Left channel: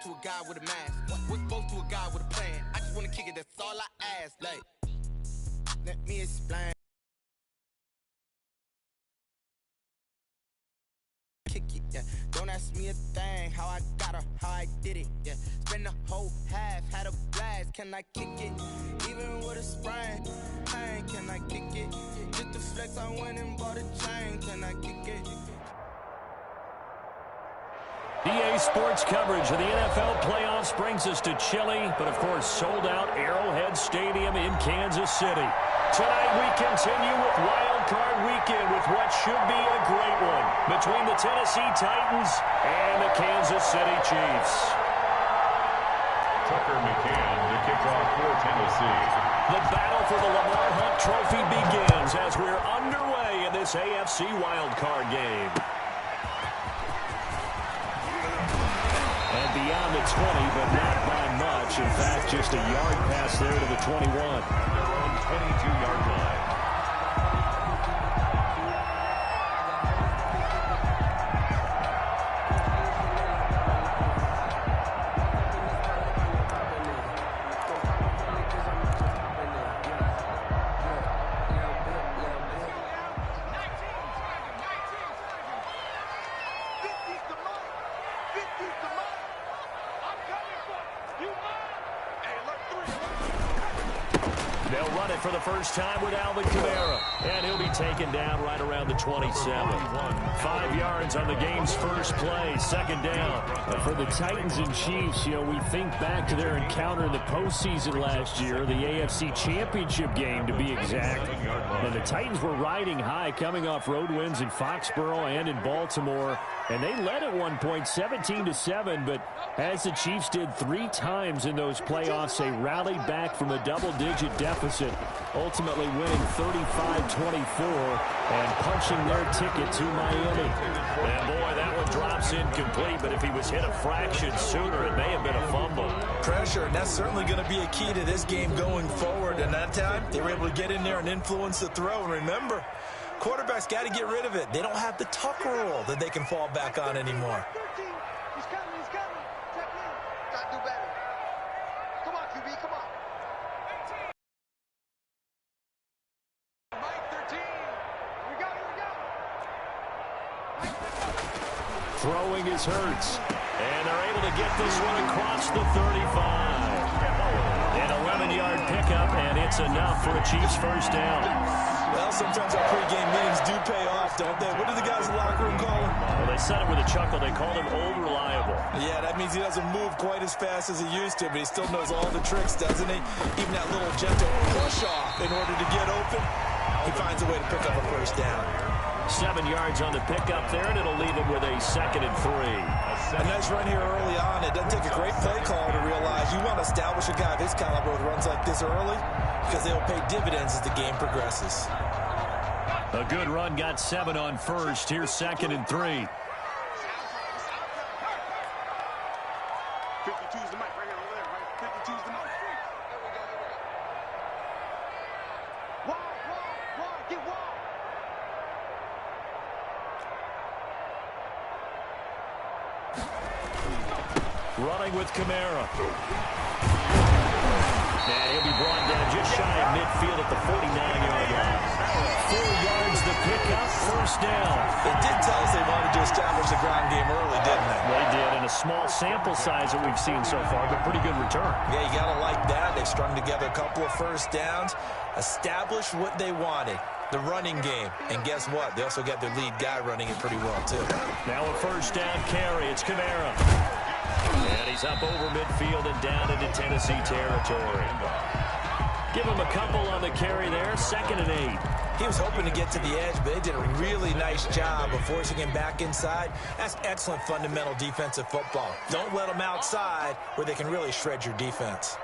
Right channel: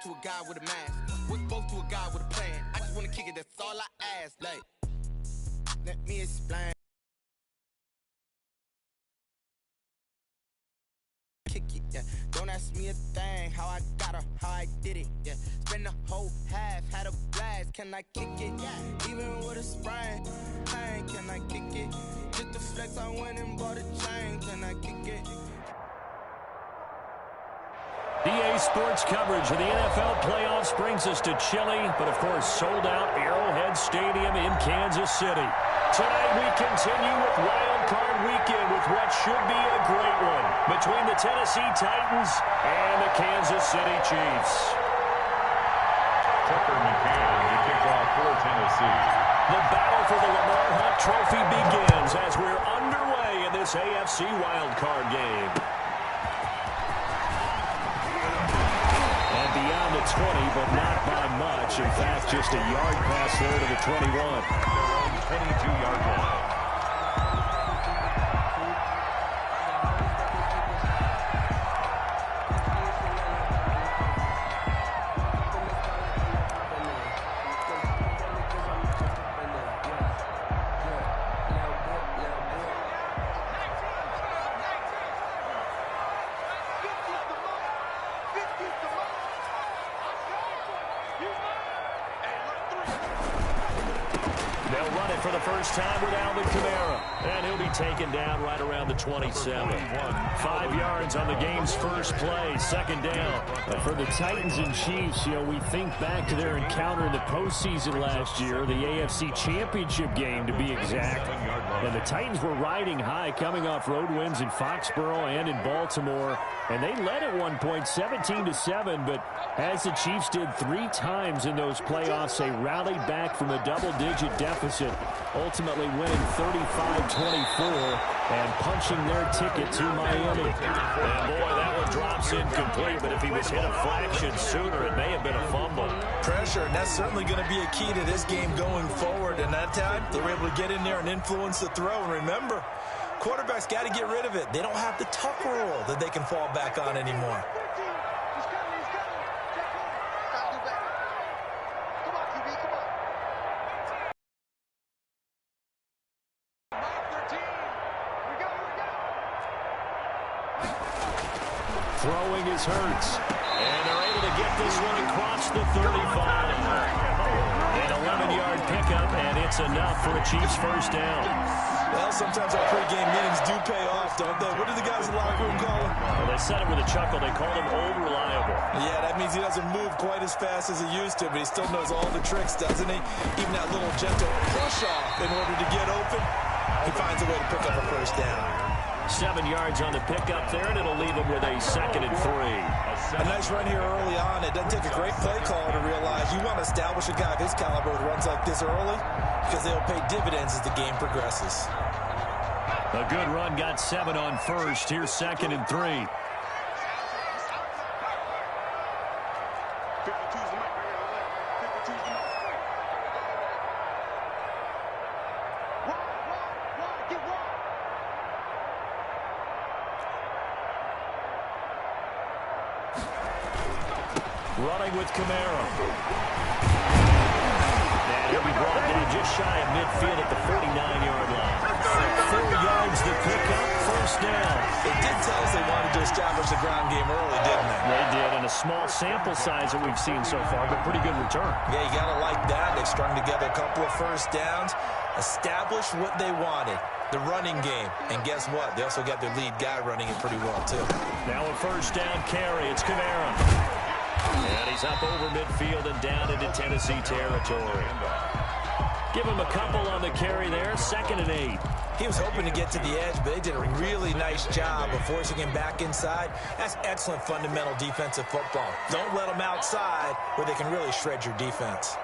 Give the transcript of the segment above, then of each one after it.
spoke to a guy with a mask. What spoke to a guy with a plan. I just want to kick it, that's all I ask. Like, let me explain. Kick it, yeah. Don't ask me a thing. How I got her, how I did it, yeah. Spend the whole half, had a blast. Can I kick it? Even with a sprain, pain, can I kick it? Just the flex, I went and bought a chain. Can I kick it? EA Sports coverage of the NFL playoffs brings us to chilly, but of course sold out Arrowhead Stadium in Kansas City. Tonight we continue with Wild Card Weekend with what should be a great one between the Tennessee Titans and the Kansas City Chiefs. Tucker McCann to kick off for Tennessee. The battle for the Lamar Hunt Trophy begins as we're underway in this AFC Wild Card game. And beyond the 20, but not by much. In fact, just a yard pass there to the 21. At their own 22-yard line. They'll run it for the first time with Alvin Kamara. And he'll be taken down right around the 27. 5 yards on the game's first play, second down. For the Titans and Chiefs, you know, we think back to their encounter in the postseason last year, the AFC Championship game to be exact. And the Titans were riding high, coming off road wins in Foxborough and in Baltimore. And they led at one point 17-7, but as the Chiefs did 3 times in those playoffs, they rallied back from a double-digit deficit, ultimately winning 35-24 and punching their ticket to Miami. And boy, that one drops incomplete, but if he was hit a fraction sooner, it may have been a fumble. Pressure, and that's certainly going to be a key to this game going forward. And that time, they were able to get in there and influence the throw. And remember, quarterbacks got to get rid of it. They don't have the tuck rule that they can fall back on anymore. He's coming. Check in. Got to do better. Come on, QB, come on. Mike 13. Here we go. Throwing is Hurts. And they're able to get this one across the 35. An 11-yard pickup, and it's enough for a Chiefs first down. Well, sometimes our pregame meetings do pay off, don't they? What do the guys in the locker room call him? Well, they said it with a chuckle. They called him old reliable. Yeah, that means he doesn't move quite as fast as he used to, but he still knows all the tricks, doesn't he? Even that little gentle push-off in order to get open, he finds a way to pick up a first down. 7 yards on the pickup there, and it'll leave him with a 2nd and 3. A nice run here early on. It doesn't take a great play caller to realize you want to establish a guy of his caliber with runs like this early because they'll pay dividends as the game progresses. A good run, got 7 on first. Here's 2nd and 3. 52's the mic right here over there, right? 52's the mic. Wide, get wide. Running with Kamara. And he'll be brought down just shy of midfield at the 49-yard line. 4 yards the pickup, first down. They did tell us they wanted to establish the ground game early, didn't they? They did, and a small sample size that we've seen so far, but pretty good return. Yeah, you got to like that. They've strung together a couple of first downs, established what they wanted, the running game. And guess what? They also got their lead guy running it pretty well, too. Now a first down carry. It's Kamara. And he's up over midfield and down into Tennessee territory. Give him a couple on the carry there. 2nd and 8. He was hoping to get to the edge, but they did a really nice job of forcing him back inside. That's excellent fundamental defensive football. Don't let them outside where they can really shred your defense.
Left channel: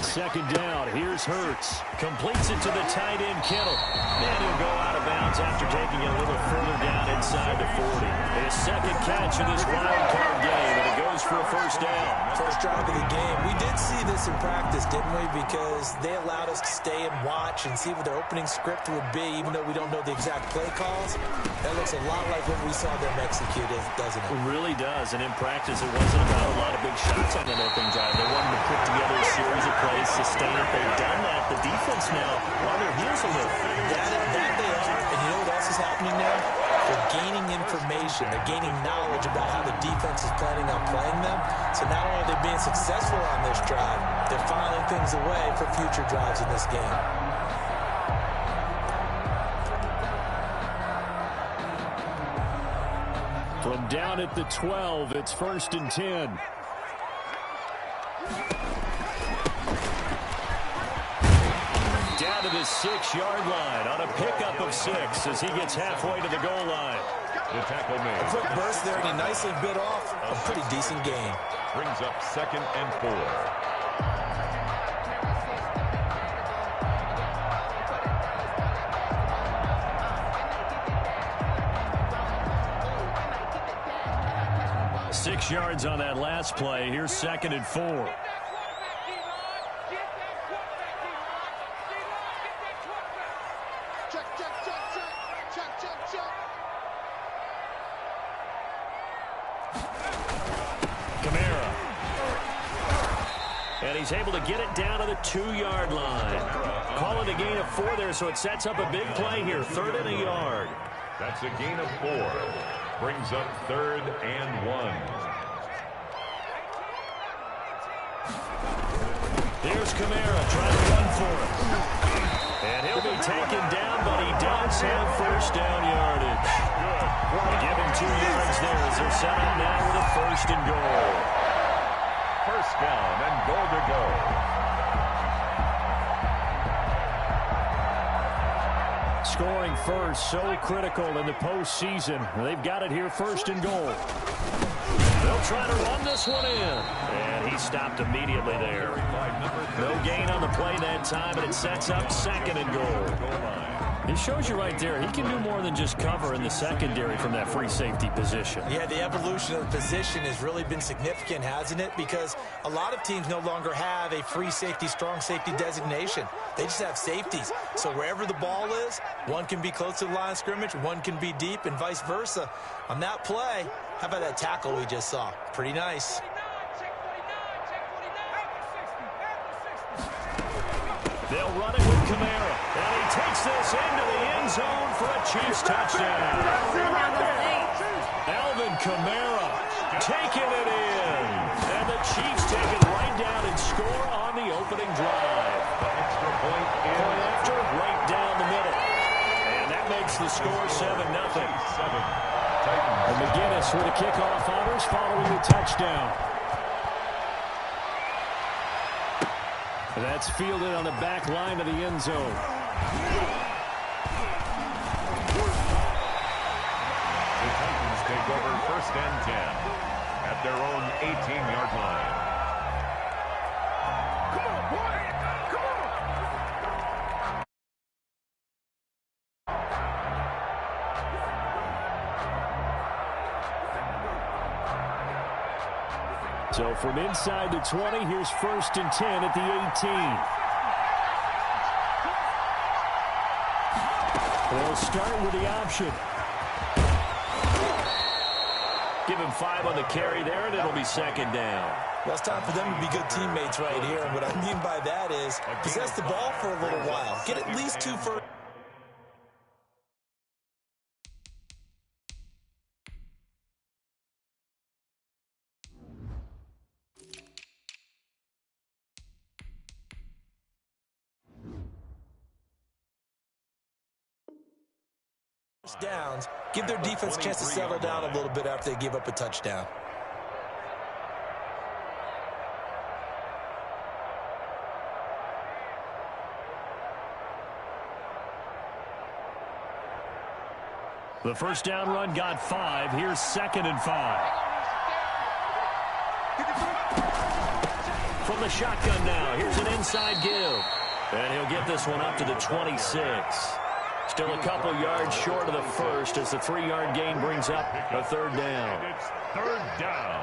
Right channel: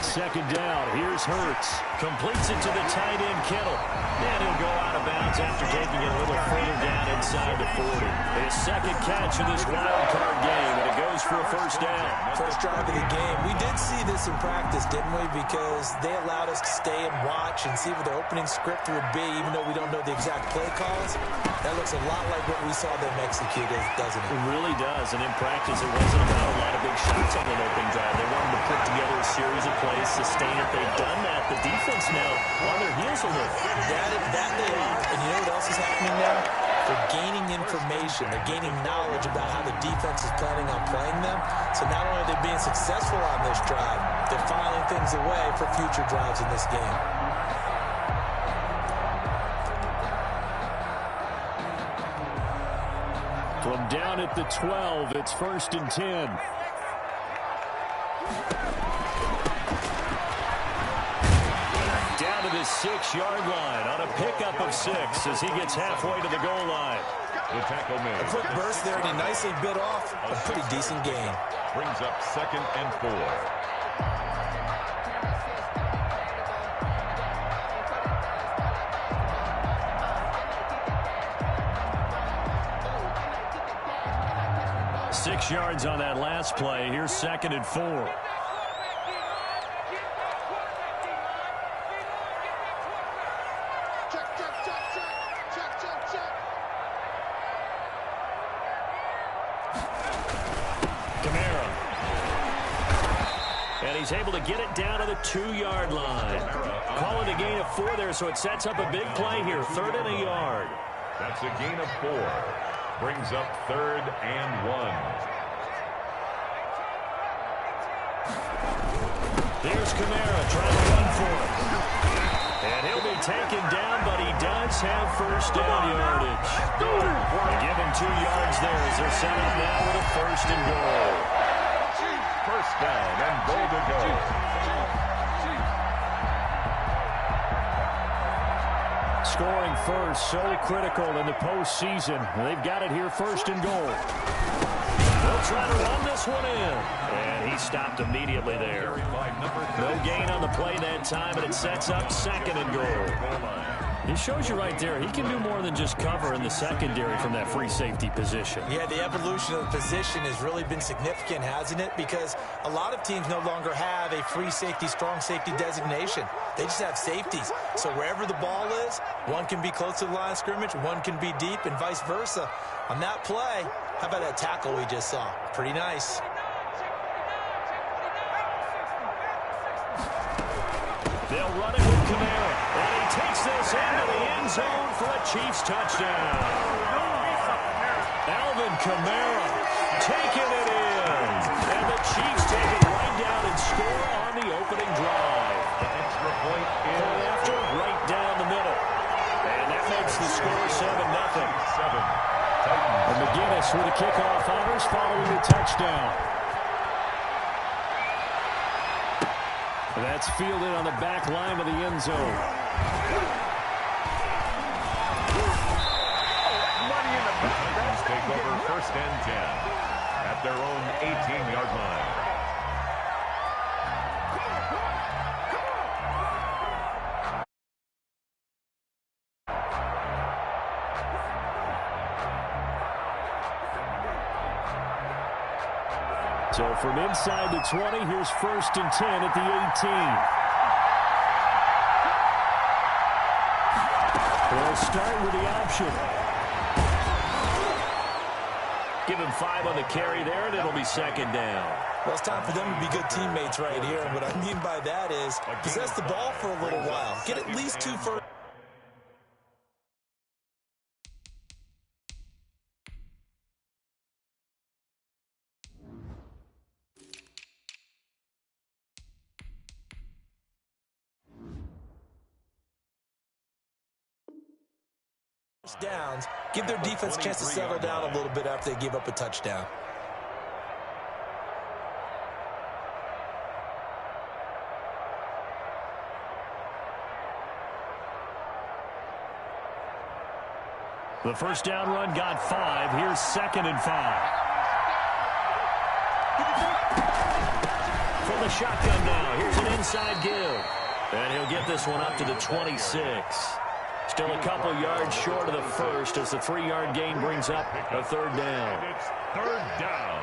Second down, here's Hurts. Completes it to the tight end, Kittle. And he'll go out of bounds after taking it a little further down inside the 40. His second catch of this wild card game, and it goes for a first down. First drive of the game. We did see this in practice, didn't we? Because they allowed us to stay and watch and see what their opening script would be, even though we don't know the exact play calls. That looks a lot like what we saw them execute, doesn't it? It really does, and in practice, it wasn't about a lot of big shots on that opening drive. They wanted to put together a series of plays, sustain it. They've done that. The defense now on their heels a little. That they are, and you know what else is happening now? They're gaining information. They're gaining knowledge about how the defense is planning on playing them. So not only are they being successful on this drive, they're filing things away for future drives in this game. From down at the 12, it's 1st and 10. Down to the 6-yard line on a pickup of 6 as he gets halfway to the goal line. The tackle made. A quick burst there, and he nicely bit off a pretty decent gain. Brings up 2nd and 4. Six yards on that last play. Here's 2nd and 4. Kamara. And he's able to get it down to the 2-yard line. Calling a gain of 4 there, so it sets up a big play here. 3rd and a yard. That's a gain of 4. Brings up 3rd and 1. Here's Kamara trying to run for it. And he'll be taken down, but he does have first down yardage. They give him 2 yards there as they're set up now with a 1st and goal. First down and goal to go. Scoring first, so critical in the postseason. They've got it here, 1st and goal. They'll try to run this one in. And he stopped immediately there. No gain on the play that time, and it sets up 2nd and goal. He shows you right there, he can do more than just cover in the secondary from that free safety position. Yeah, the evolution of the position has really been significant, hasn't it? Because a lot of teams no longer have a free safety, strong safety designation. They just have safeties. So wherever the ball is, one can be close to the line of scrimmage, one can be deep, and vice versa. On that play, how about that tackle we just saw? Pretty nice. They'll run it with Kamara, and he takes this into the end zone for a Chiefs touchdown. Alvin Kamara taking it in, and the Chiefs take it right down and score on the opening drive. The extra point in. Point after, right down the middle. And that makes the score 7-0. 7. Titans. And McGinnis with a kickoff honors following the touchdown. That's fielded on the back line of the end zone. The Titans take over 1st and 10 at their own 18-yard line. Come on, boy. Come on. So from inside the 20, here's 1st and 10 at the 18. They'll start with the option. Give him 5 on the carry there, and it'll be 2nd down. Well, it's time for them to be good teammates right here. And what I mean by that is possess the ball for a little while. Get at least 2 first downs, give their defense a chance to settle down a little bit after they give up a touchdown. The first down run got 5. Here's 2nd and 5. from the shotgun now. Here's an inside give. And he'll get this one up to the 26. Still a couple yards short of the first as the 3-yard gain brings up a third down. It's third down.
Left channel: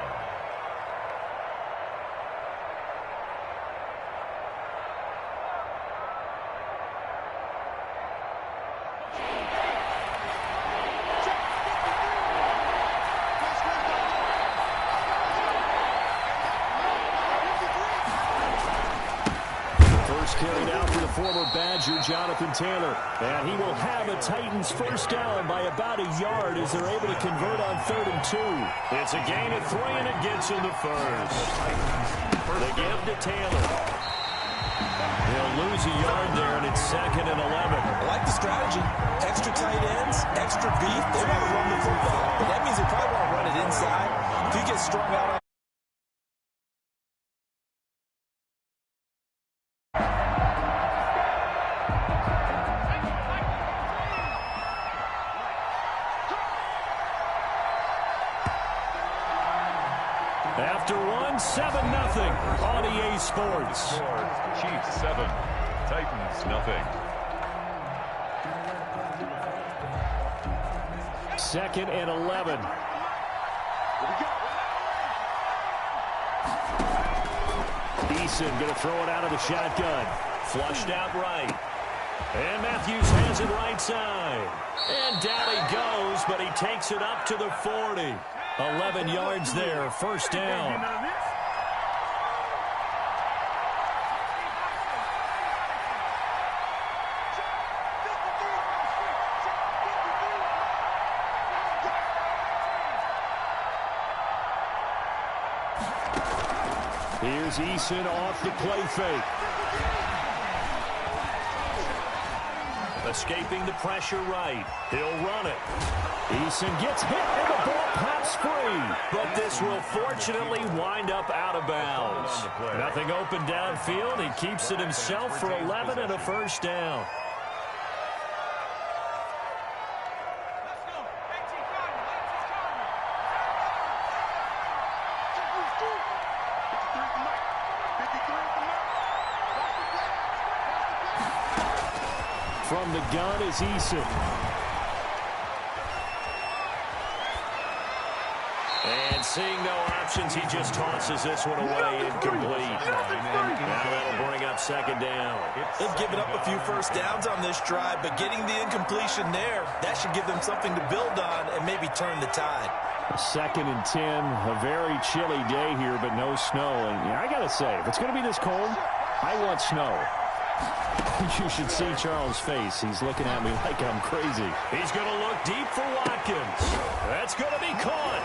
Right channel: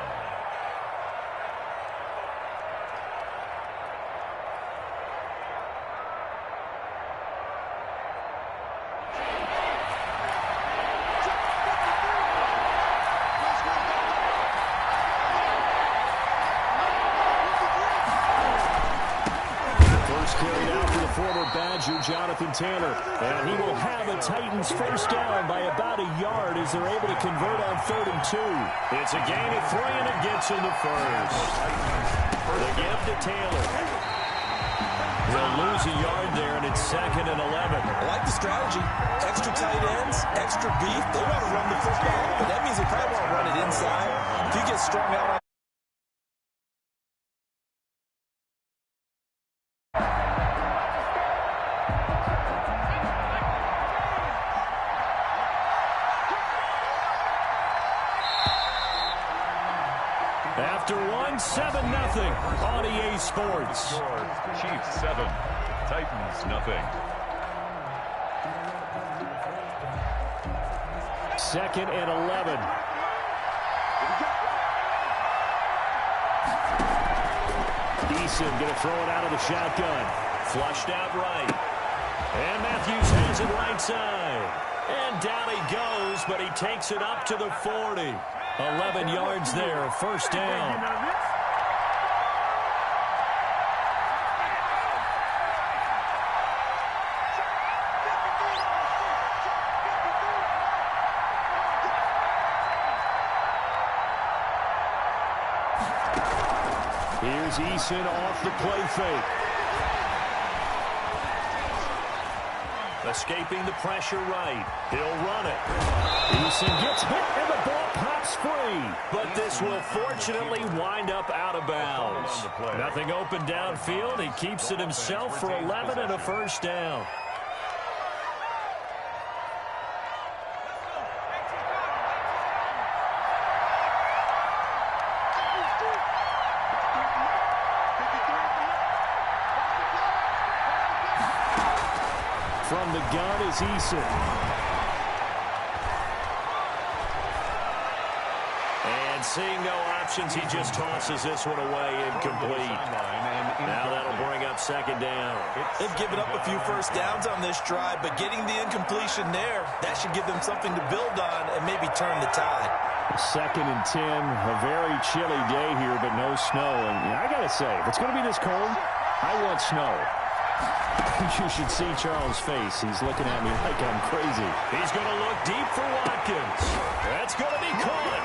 Carried out for the former Badger, Jonathan Taylor. And he will have a Titans first down by about a yard as they're able to convert on 3rd and 2. It's a gain of 3, and it gets him the first. The give to Taylor. He'll lose a yard there, and it's 2nd and 11. I like the strategy. Extra tight ends, extra beef. They want to run the football, but that means they probably want to run it inside. If you get strung out on after 7-0 on EA Sports. Chiefs 7, Titans nothing. 2nd and 11. Eason going to throw it out of the shotgun. Flushed out right. And Matthews has it right side. And down he goes, but he takes it up to the 40. 11 yards there, first down. Here's Eason off the play fake. Escaping the pressure right. He'll run it. Eason gets hit and the ball pops free. But this will fortunately wind up out of bounds. Nothing open downfield. He keeps it himself for 11 and a first down. From the gun is Eason. And seeing no options, he just tosses this one away incomplete. Now that'll bring up 2nd down. They've given up a few first downs on this drive, but getting the incompletion there, that should give them something to build on and maybe turn the tide. 2nd and 10, a very chilly day here, but no snow. And I got to say, if it's going to be this cold, I want snow. You should see Charles' face. He's looking at me like I'm crazy. He's going to look deep for Watkins. That's going to be caught.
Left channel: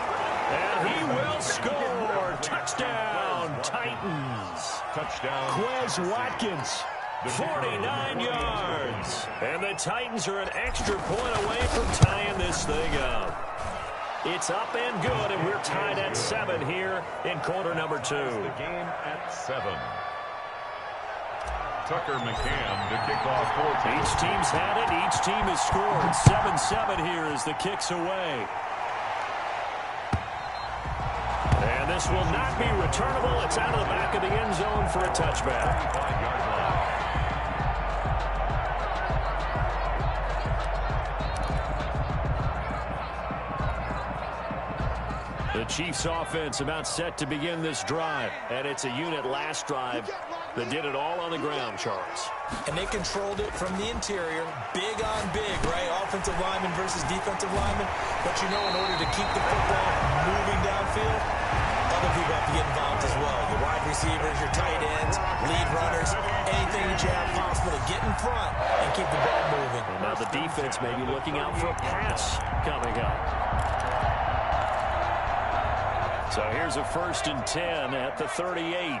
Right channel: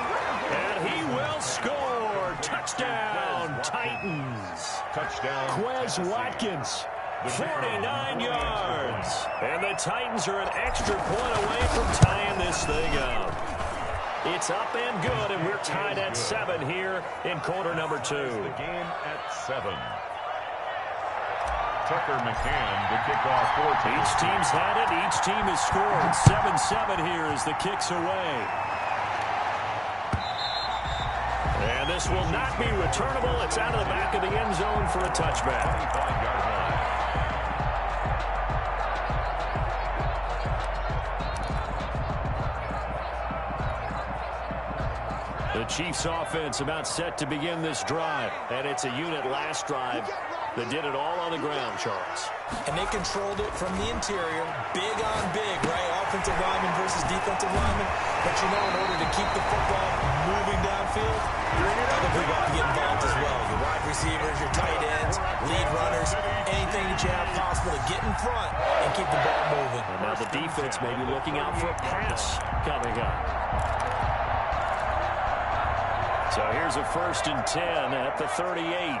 And he will score. Touchdown, Titans. Touchdown. Quez Watkins, 49 yards. And the Titans are an extra point away from tying this thing up. It's up and good, and we're tied at 7 here in quarter number 2. The game at 7. Tucker McCann to kick off 14. Each team's had it. Each team has scored. 7-7 here as the kick's away. And this will not be returnable. It's out of the back of the end zone for a touchback. 25-yard line. The Chiefs offense about set to begin this drive. And it's a unit last drive that did it all on the ground, Charles. And they controlled it from the interior, big on big, right? Offensive lineman versus defensive lineman. But you know, in order to keep the football moving downfield, other people have to get involved as well. Your wide receivers, your tight ends, lead runners, anything that you have possible to get in front and keep the ball moving. And now the defense may be looking out for a pass coming up. So here's a 1st and 10 at the 38.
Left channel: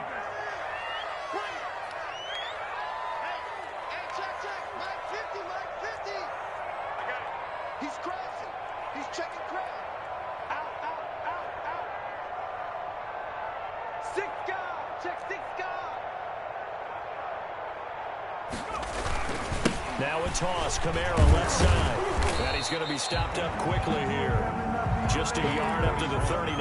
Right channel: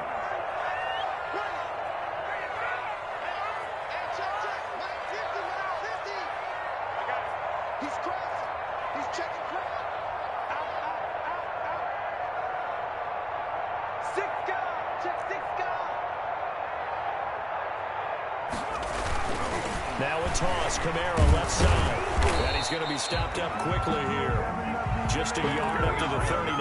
Now a toss, Kamara left side. And he's going to be stopped up quickly here. Just a yard up to the 39.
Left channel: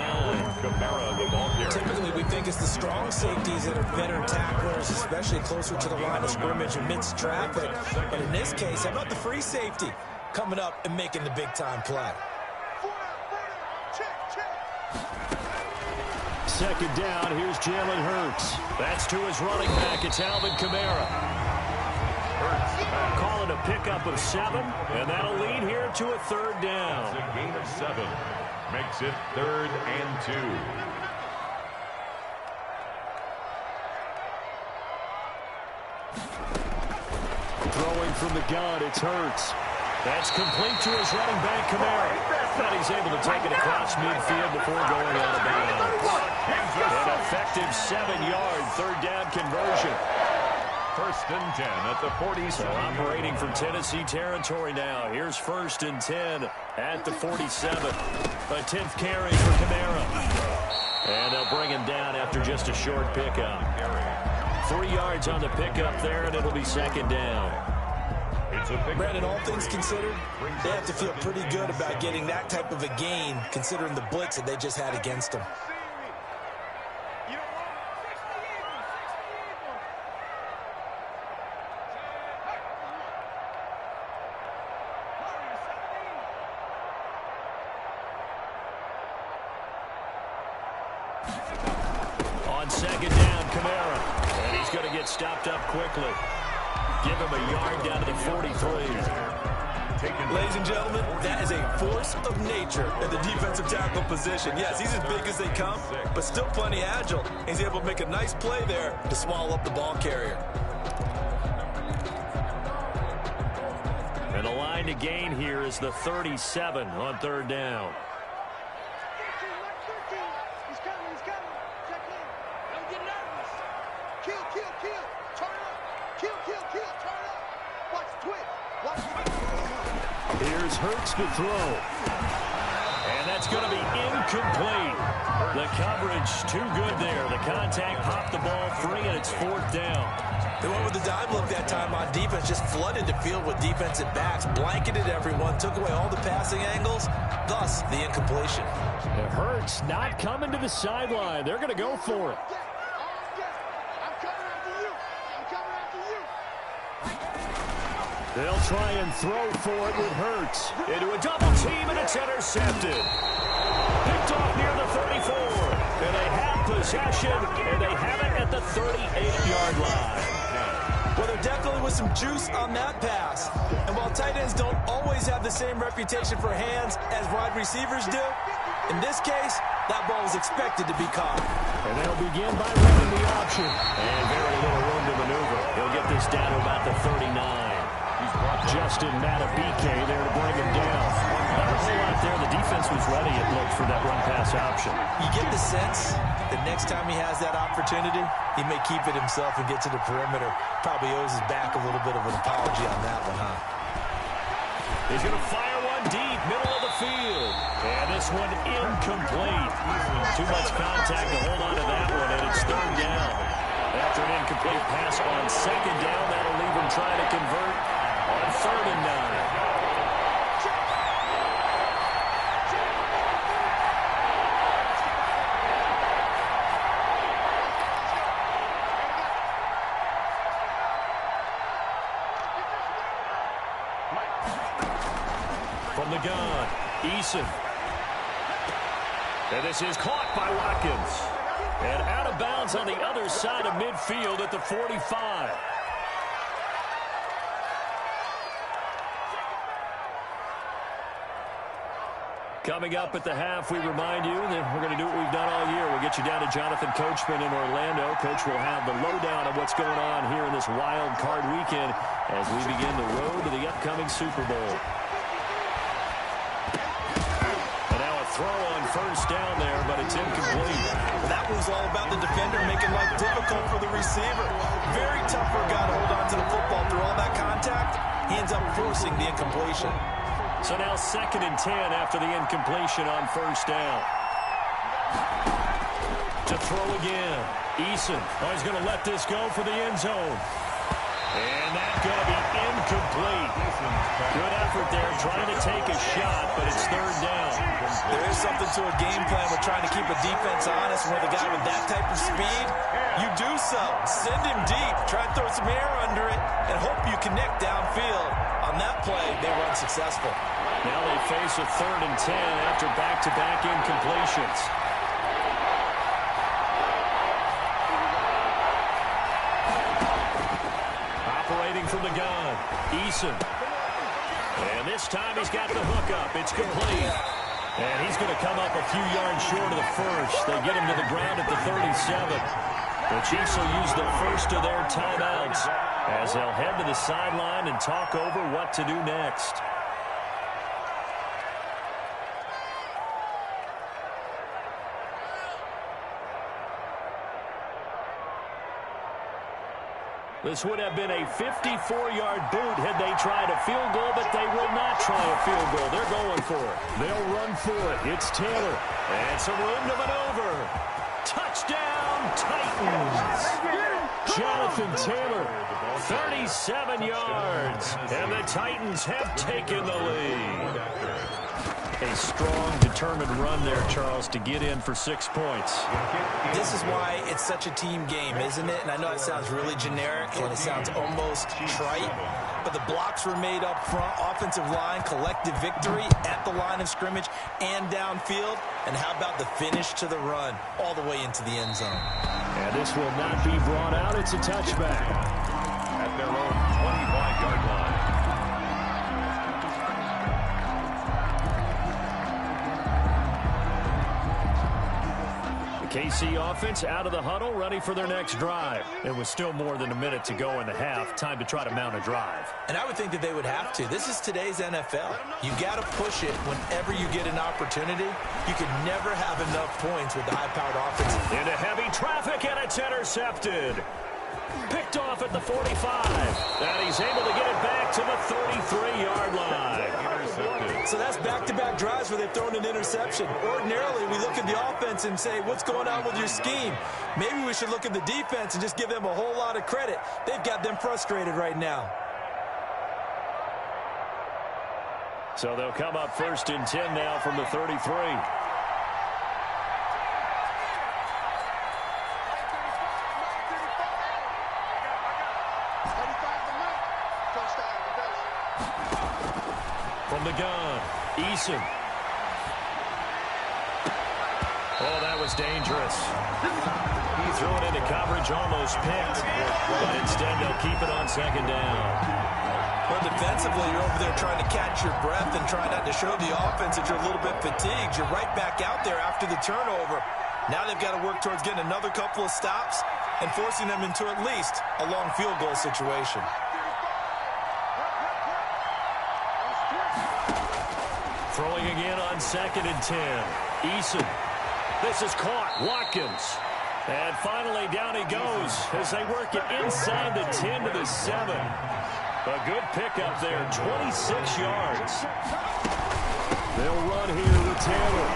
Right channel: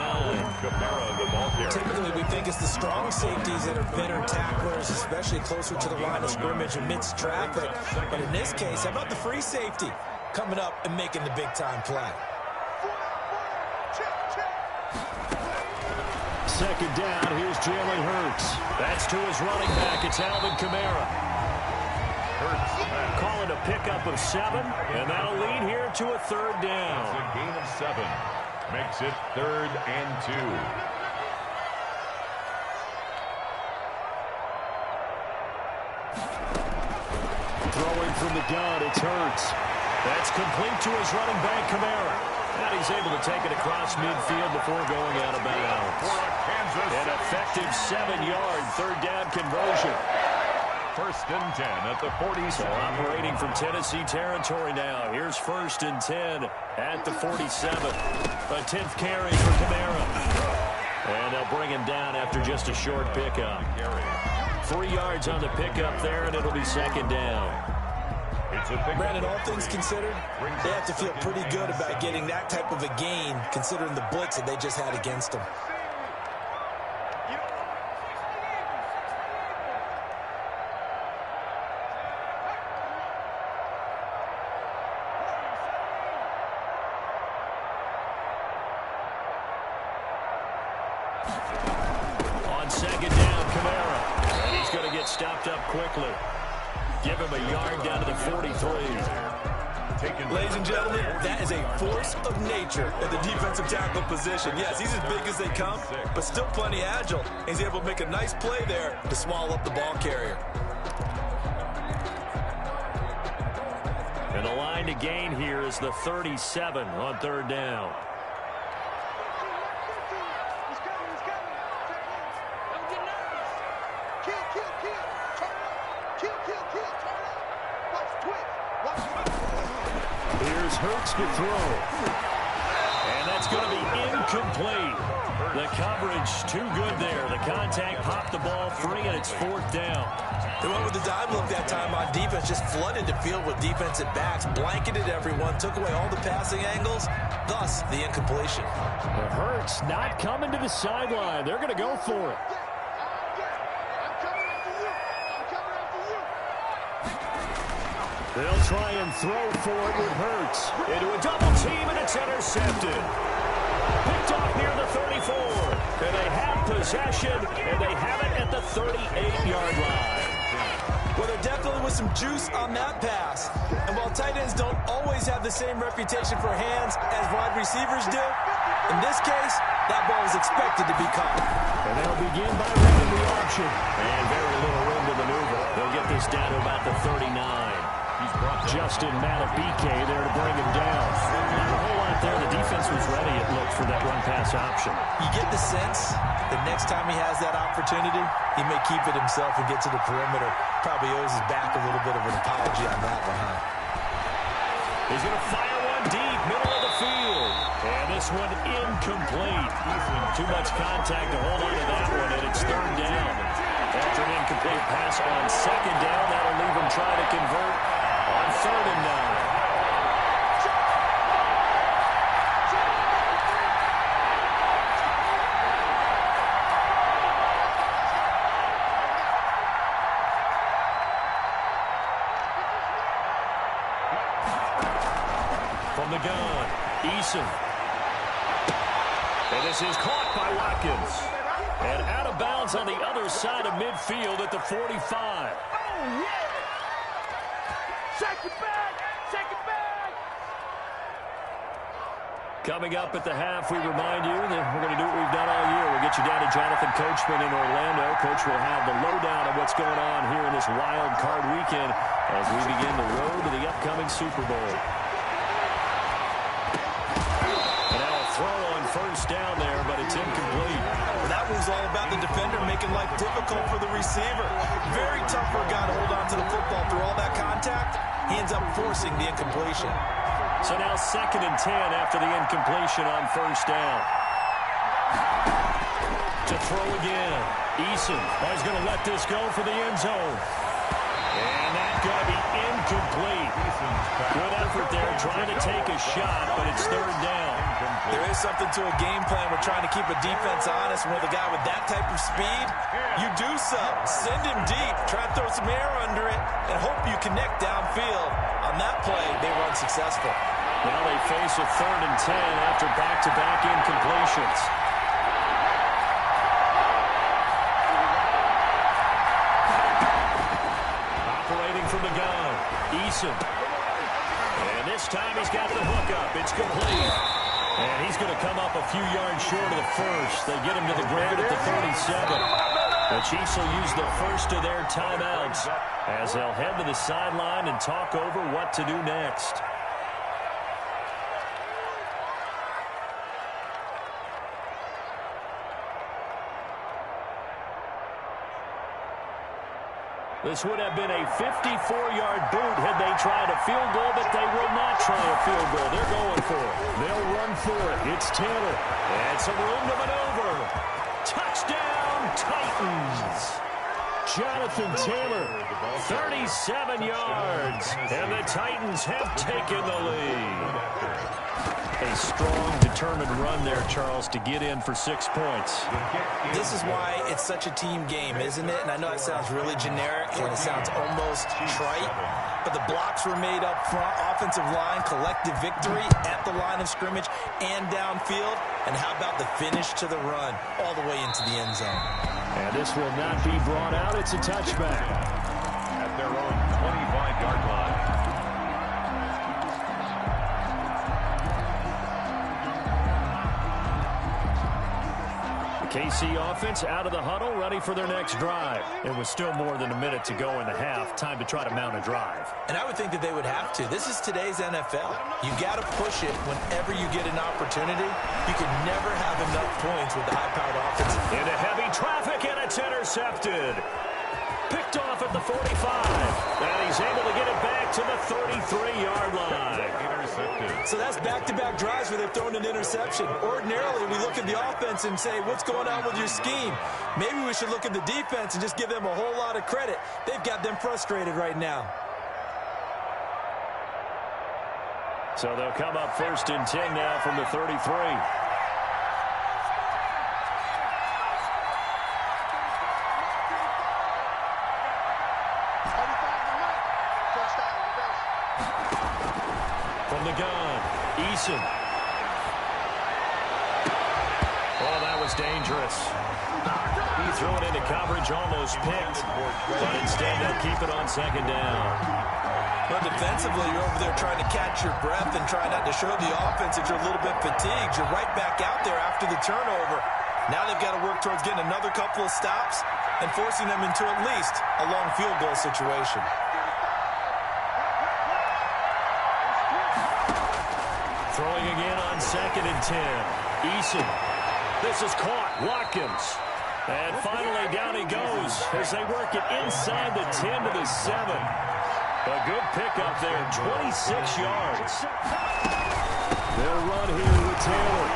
Kamara, the ball carrier. Typically, we think it's the strong safeties that are better tacklers, especially closer to the line of scrimmage amidst traffic. But in this case, how about the free safety coming up and making the big-time play? Second down, here's Jalen Hurts. That's to his running back. It's Alvin Kamara. Hurts. Calling a pickup of 7, and that'll lead here to a third down. It's a gain of 7. Makes it 3rd and 2. Throwing from the gun, it's Hurts. That's complete to his running back, Kamara. And he's able to take it across midfield before going out of bounds. An effective 7-yard third down conversion. 1st and 10 at the 47. So operating from Tennessee territory now. Here's 1st and 10 at the 47. A 10th carry for Kamara. And they'll bring him down after just a short pickup. 3 yards on the pickup there, and it'll be 2nd down. Brandon, all things considered, they have to feel pretty good about getting that type of a gain, considering the blitz that they just had against them. On 2nd down, Kamara. And he's going to get stopped up quickly. Give him a yard down to the 43. Ladies and gentlemen, that is a force of nature at the defensive tackle position. Yes, he's as big as they come, but still plenty agile. He's able to make a nice play there to swallow up the ball carrier. And the line to gain here is the 37 on 3rd down. He's coming. Check in. Don't get nervous. Kill. Turn up. Kill. Turn up. Watch twitch. Here's Hurts to throw. And that's going to be incomplete. The coverage too good there. The contact popped the ball free, and it's 4th down. They went with the dive look that time on defense, just flooded the field with defensive backs, blanketed everyone, took away all the passing angles, thus the incompletion. Hurts not coming to the sideline. They're going to go for it. I'm coming after you. They'll try and throw for it with Hurts. Into a double team, and it's intercepted. Picked off near the 34. And they have possession, and they have it at the 38-yard line. Well, there definitely was some juice on that pass. And while tight ends don't always have the same reputation for hands as wide receivers do, in this case, that ball was expected to be caught. And they'll begin by running the option. And very little room to maneuver. He'll get this down to about the 39. Justin Matabike there to bring him down. Not a whole lot there. The defense was ready, it looked, for that run-pass option. You get the sense that next time he has that opportunity, he may keep it himself and get to the perimeter. Probably owes his back a little bit of an apology on that one, huh? He's going to fire one deep, middle of the field. And this one incomplete. Too much contact to hold on to that one, and it's 3rd down. After an incomplete pass on 2nd down, that'll leave him trying to convert on 3rd and 9. From the gun, Eason. And this is caught by Watkins. And out of bounds on the other side of midfield at the 45. Coming up at the half, we remind you that we're going to do what we've done all year. We'll get you down to Jonathan Coachman in Orlando. Coach will have the lowdown of what's going on here in this wild card weekend as we begin the road to the upcoming Super Bowl. And now a throw on 1st down there, but it's incomplete. Well, that was all about the defender making life difficult for the receiver. Very tough for a guy to hold on to the football through all that contact. He ends up forcing the incompletion. So now 2nd and 10 after the incompletion on 1st down. To throw again. Eason. Oh, he's going to let this go for the end zone. And that's going to be incomplete. Good effort there trying to take a shot, but it's third down. There is something to a game plan with trying to keep a defense honest. With a guy with that type of speed, you do so. Send him deep. Try to throw some air under it and hope you connect downfield. On that play, they run successful. Now they face a 3rd and 10 after back-to-back incompletions. Operating from the gun, Eason. And this time he's got the hook up. It's complete. And he's going to come up a few yards short of the first. They get him to the ground at the 37. The Chiefs will use the first of their timeouts as they'll head to the sideline and talk over what to do next. This would have been a 54-yard boot had they tried a field goal, but they will not try a field goal. They're going for it. They'll run for it. It's Taylor. And some room to maneuver. Touchdown, Titans. Jonathan Taylor, 37 yards. And the Titans have taken the lead. A strong, determined run there, Charles, to get in for 6 points. This is why it's such a team game, isn't it? And I know it sounds really generic and it sounds almost trite, but the blocks were made up front, offensive line, collective victory at the line of scrimmage and downfield. And how about the finish to the run all the way into the end zone? And this will not be brought out. It's a touchback. At their own 25-yard line. KC offense out of the huddle, ready for their next drive. It was still more than a minute to go in the half. Time to try to mount a drive. And I would think that they would have to. This is today's NFL. You got to push it whenever you get an opportunity. You can never have enough points with the high-powered offense. Into heavy traffic, and it's intercepted. Picked off at the 45. And he's able to get it back to the 33-yard line. Intercepted. So that's back-to-back drives where they've thrown an interception. Ordinarily, we look at the offense and say, what's going on with your scheme? Maybe we should look at the defense and just give them a whole lot of credit. They've got them frustrated right now. So they'll come up 1st and 10 now from the 33. From the gun, Eason. Oh, that was dangerous. He threw it into coverage, almost picked. But instead, they'll keep it on 2nd down. Well, defensively, you're over there trying to catch your breath and try not to show the offense that you're a little bit fatigued. You're right back out there after the turnover. Now they've got to work towards getting another couple of stops and forcing them into at least a long field goal situation. Throwing again on 2nd and 10. Eason. This is caught. Watkins. And finally down he goes as they work it inside the 10 to the 7. A good pickup there, 26 yards. They'll run here with Taylor.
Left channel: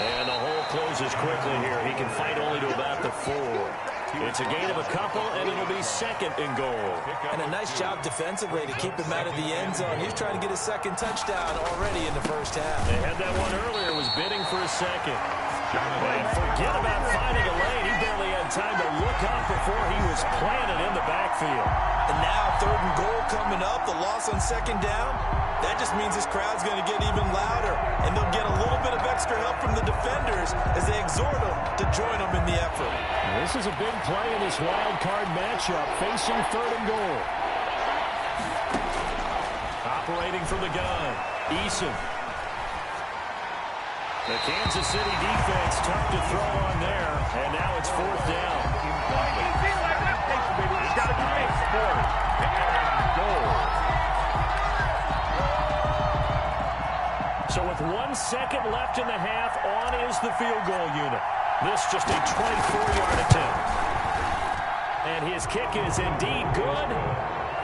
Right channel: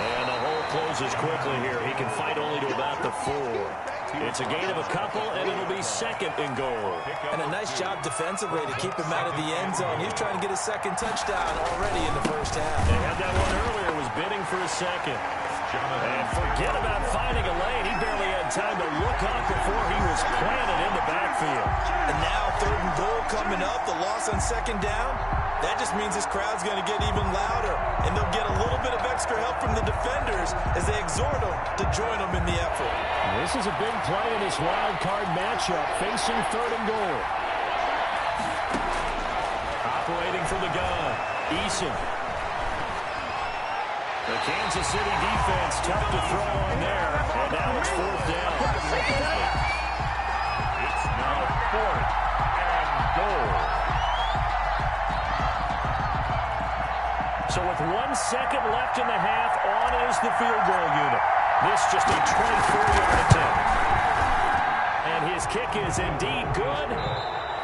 And the hole closes quickly here. He can fight only to about the 4. It's a gain of a couple, and it'll be 2nd and goal. And a nice job defensively to keep him out of the end zone. He was trying to get his 2nd touchdown already in the first half. They had that one earlier, was bidding for a 2nd. And forget about finding a lane. He barely had time to look up before he was planted in the backfield. And now 3rd and goal coming up, the loss on 2nd down. That just means this crowd's going to get even louder, and they'll get a little bit of extra help from the defenders as they exhort them to join them in the effort. This is a big play in this wild card matchup, facing 3rd and goal. Operating from the gun, Eason. The Kansas City defense tough to throw on there, and now it's 4th down. It's now 4th and goal. So with 1 second left in the half, on is the field goal unit. This just a 24-yard attempt. And his kick is indeed good.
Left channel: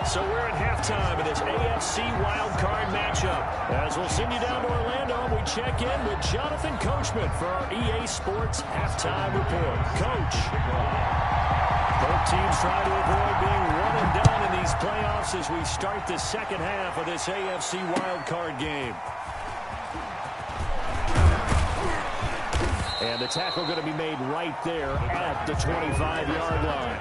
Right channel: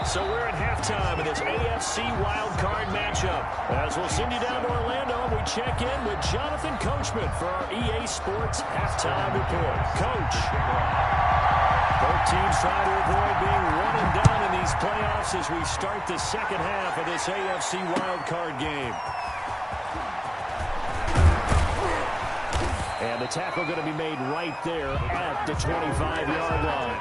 So we're at halftime in this AFC wildcard matchup. As we'll send you down to Orlando, we check in with Jonathan Coachman for our EA Sports Halftime Report. Coach. Both teams trying to avoid being one and done in these playoffs as we start the second half of this AFC wildcard game. And the tackle going to be made right there at the 25-yard line.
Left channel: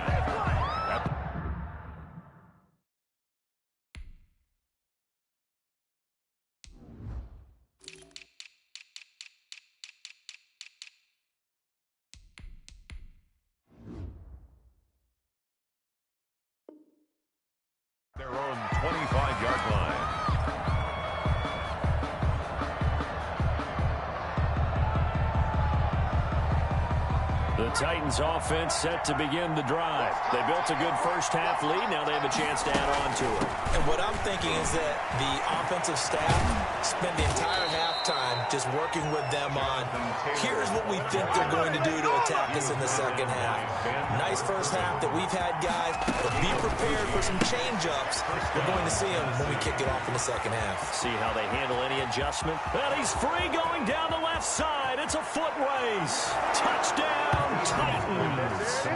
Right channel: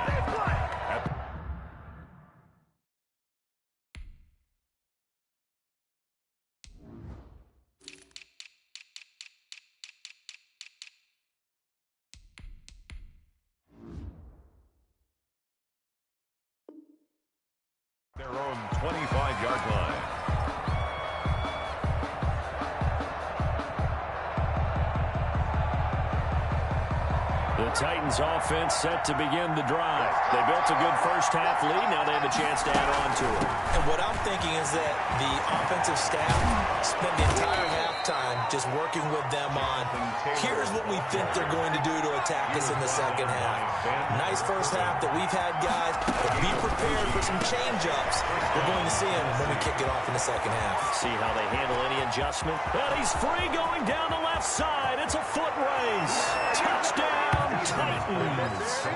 Their own 25-yard line. The Titans offense set to begin the drive. They built a good first half lead. Now they have a chance to add on to it. And what I'm thinking is that the offensive staff spent the entire halftime just working with them on, here's what we think they're going to do to attack us in the second half. Nice first half that we've had, guys, but be prepared for some change-ups. We're going to see them when we kick it off in the second half. See how they handle any adjustment. And he's free going down the left side. It's a foot race. Touchdown, Titans.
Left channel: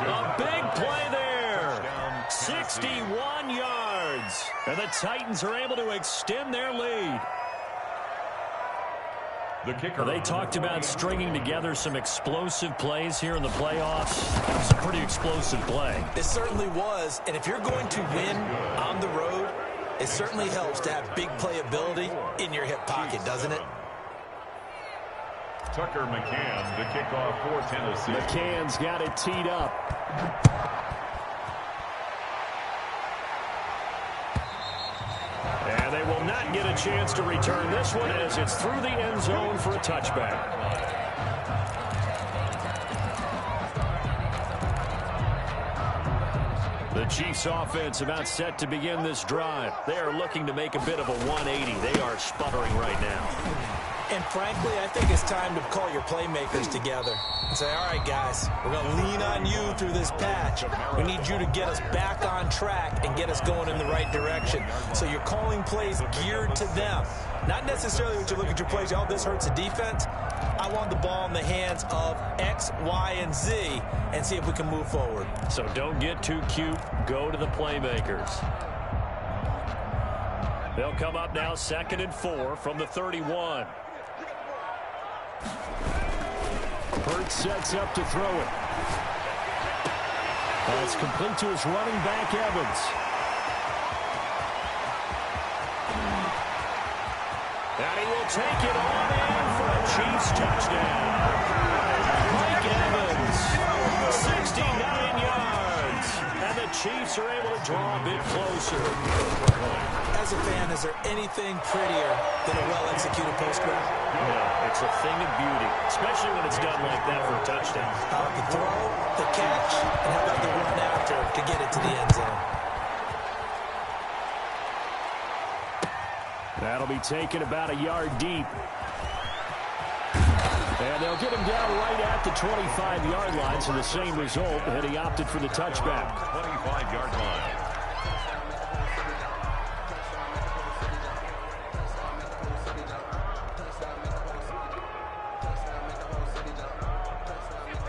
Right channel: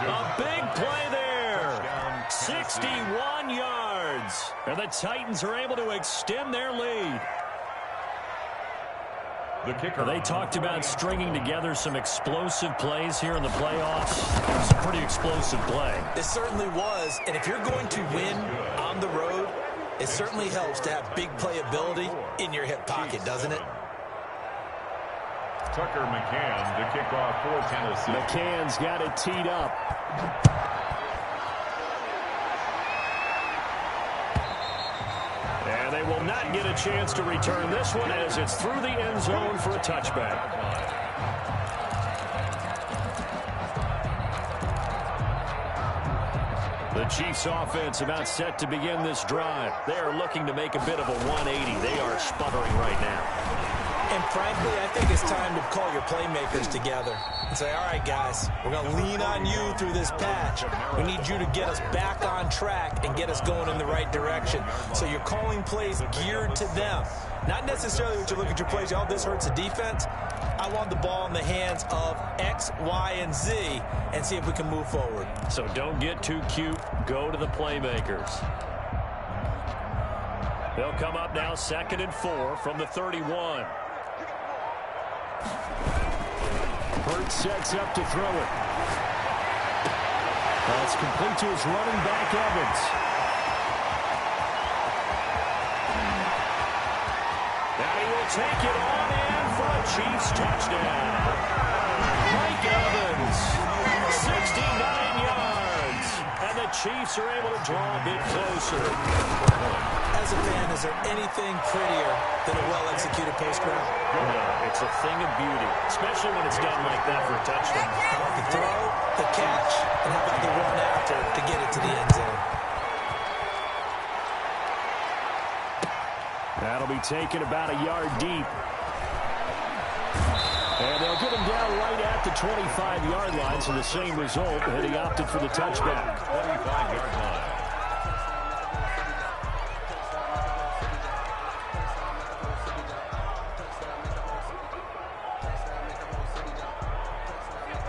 A big play there. 61 yards. And the Titans are able to extend their lead. The kicker. They talked about stringing together some explosive plays here in the playoffs. It was a pretty explosive play. It certainly was. And if you're going to win on the road, it certainly helps to have big playability in your hip pocket, doesn't it? Tucker McCann to kick off for Tennessee. McCann's got it teed up. And they will not get a chance to return this one as it's through the end zone for a touchback. The Chiefs offense about set to begin this drive. They are looking to make a bit of a 180. They are sputtering right now. And frankly, I think it's time to call your playmakers together and say, all right, guys, we're going to lean on you through this patch. We need you to get us back on track and get us going in the right direction. So you're calling plays geared to them. Not necessarily what you look at your plays, oh, this hurts the defense. I want the ball in the hands of X, Y, and Z and see if we can move forward. So don't get too cute. Go to the playmakers. They'll come up now 2nd and 4 from the 31. Hurts sets up to throw it. That's complete to his running back, Evans. And he will take it on in for a Chiefs touchdown. Mike Evans, 69 yards. And the Chiefs are able to draw a bit closer. As a fan, is there anything prettier than a well-executed post route? No, it's a thing of beauty, especially when it's done like that for a touchdown. The throw, the catch, and how about the run after to get it to the end zone? That'll be taken about a yard deep. And they'll get him down right at the 25-yard line, so the same result, and he opted for the touchback. 25-yard line.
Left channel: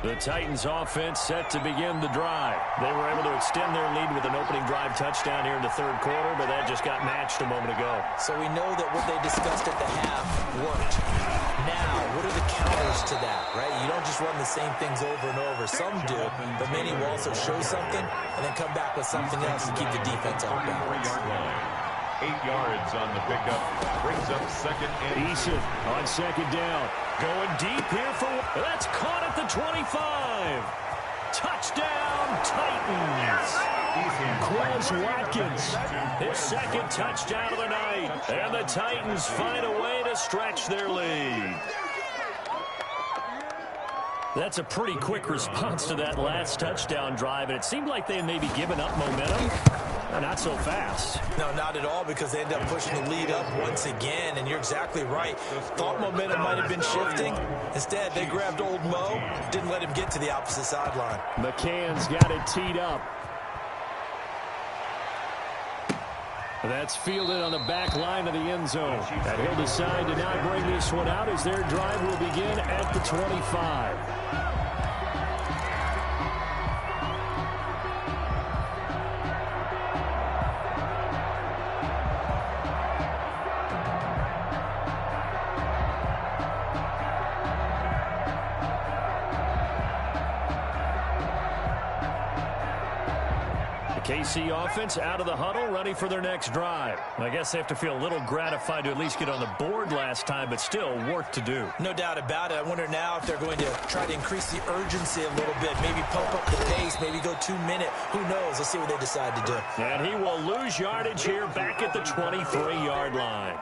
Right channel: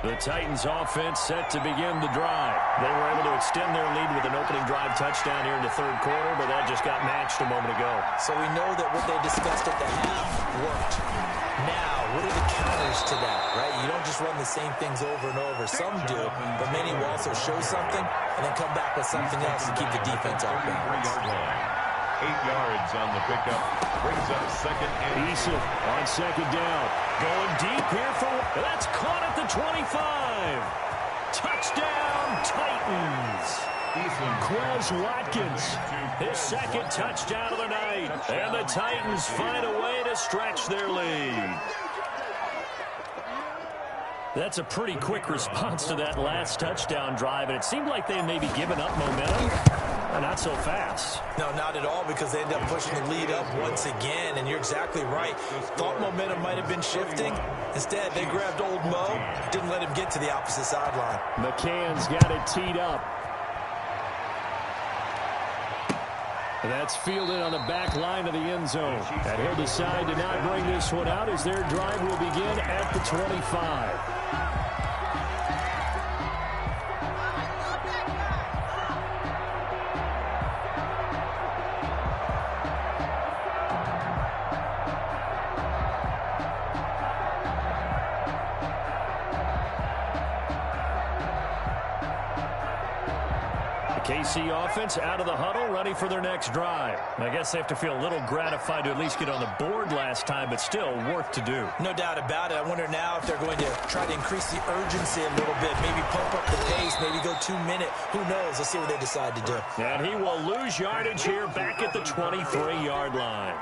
The Titans offense set to begin the drive. They were able to extend their lead with an opening drive touchdown here in the third quarter, but that just got matched a moment ago. So we know that what they discussed at the half worked. Now, what are the counters to that, right? You don't just run the same things over and over. Some do, but many will also show something and then come back with something else to keep the defense off balance. 33-yard line. 8 yards on the pickup. Brings up 2nd and Eason on 2nd down. Going deep here for... That's caught at the 25. Touchdown, Titans. Quez Watkins, his 2nd touchdown of the night. And the Titans find a way to stretch their lead. That's a pretty quick response to that last touchdown drive, and it seemed like they had maybe given up momentum. Not so fast. No, not at all, because they end up pushing the lead up once again, and you're exactly right. Thought momentum might have been shifting. Instead, they grabbed old Mo, didn't let him get to the opposite sideline. McCann's got it teed up. That's fielded on the back line of the end zone. And he'll decide to not bring this one out as their drive will begin at the 25. KC offense out of the huddle, ready for their next drive. I guess they have to feel a little gratified to at least get on the board last time, but still work to do. No doubt about it. I wonder now if they're going to try to increase the urgency a little bit, maybe pump up the pace, maybe go 2-minute. Who knows? Let's see what they decide to do. And he will lose yardage here back at the 23-yard line.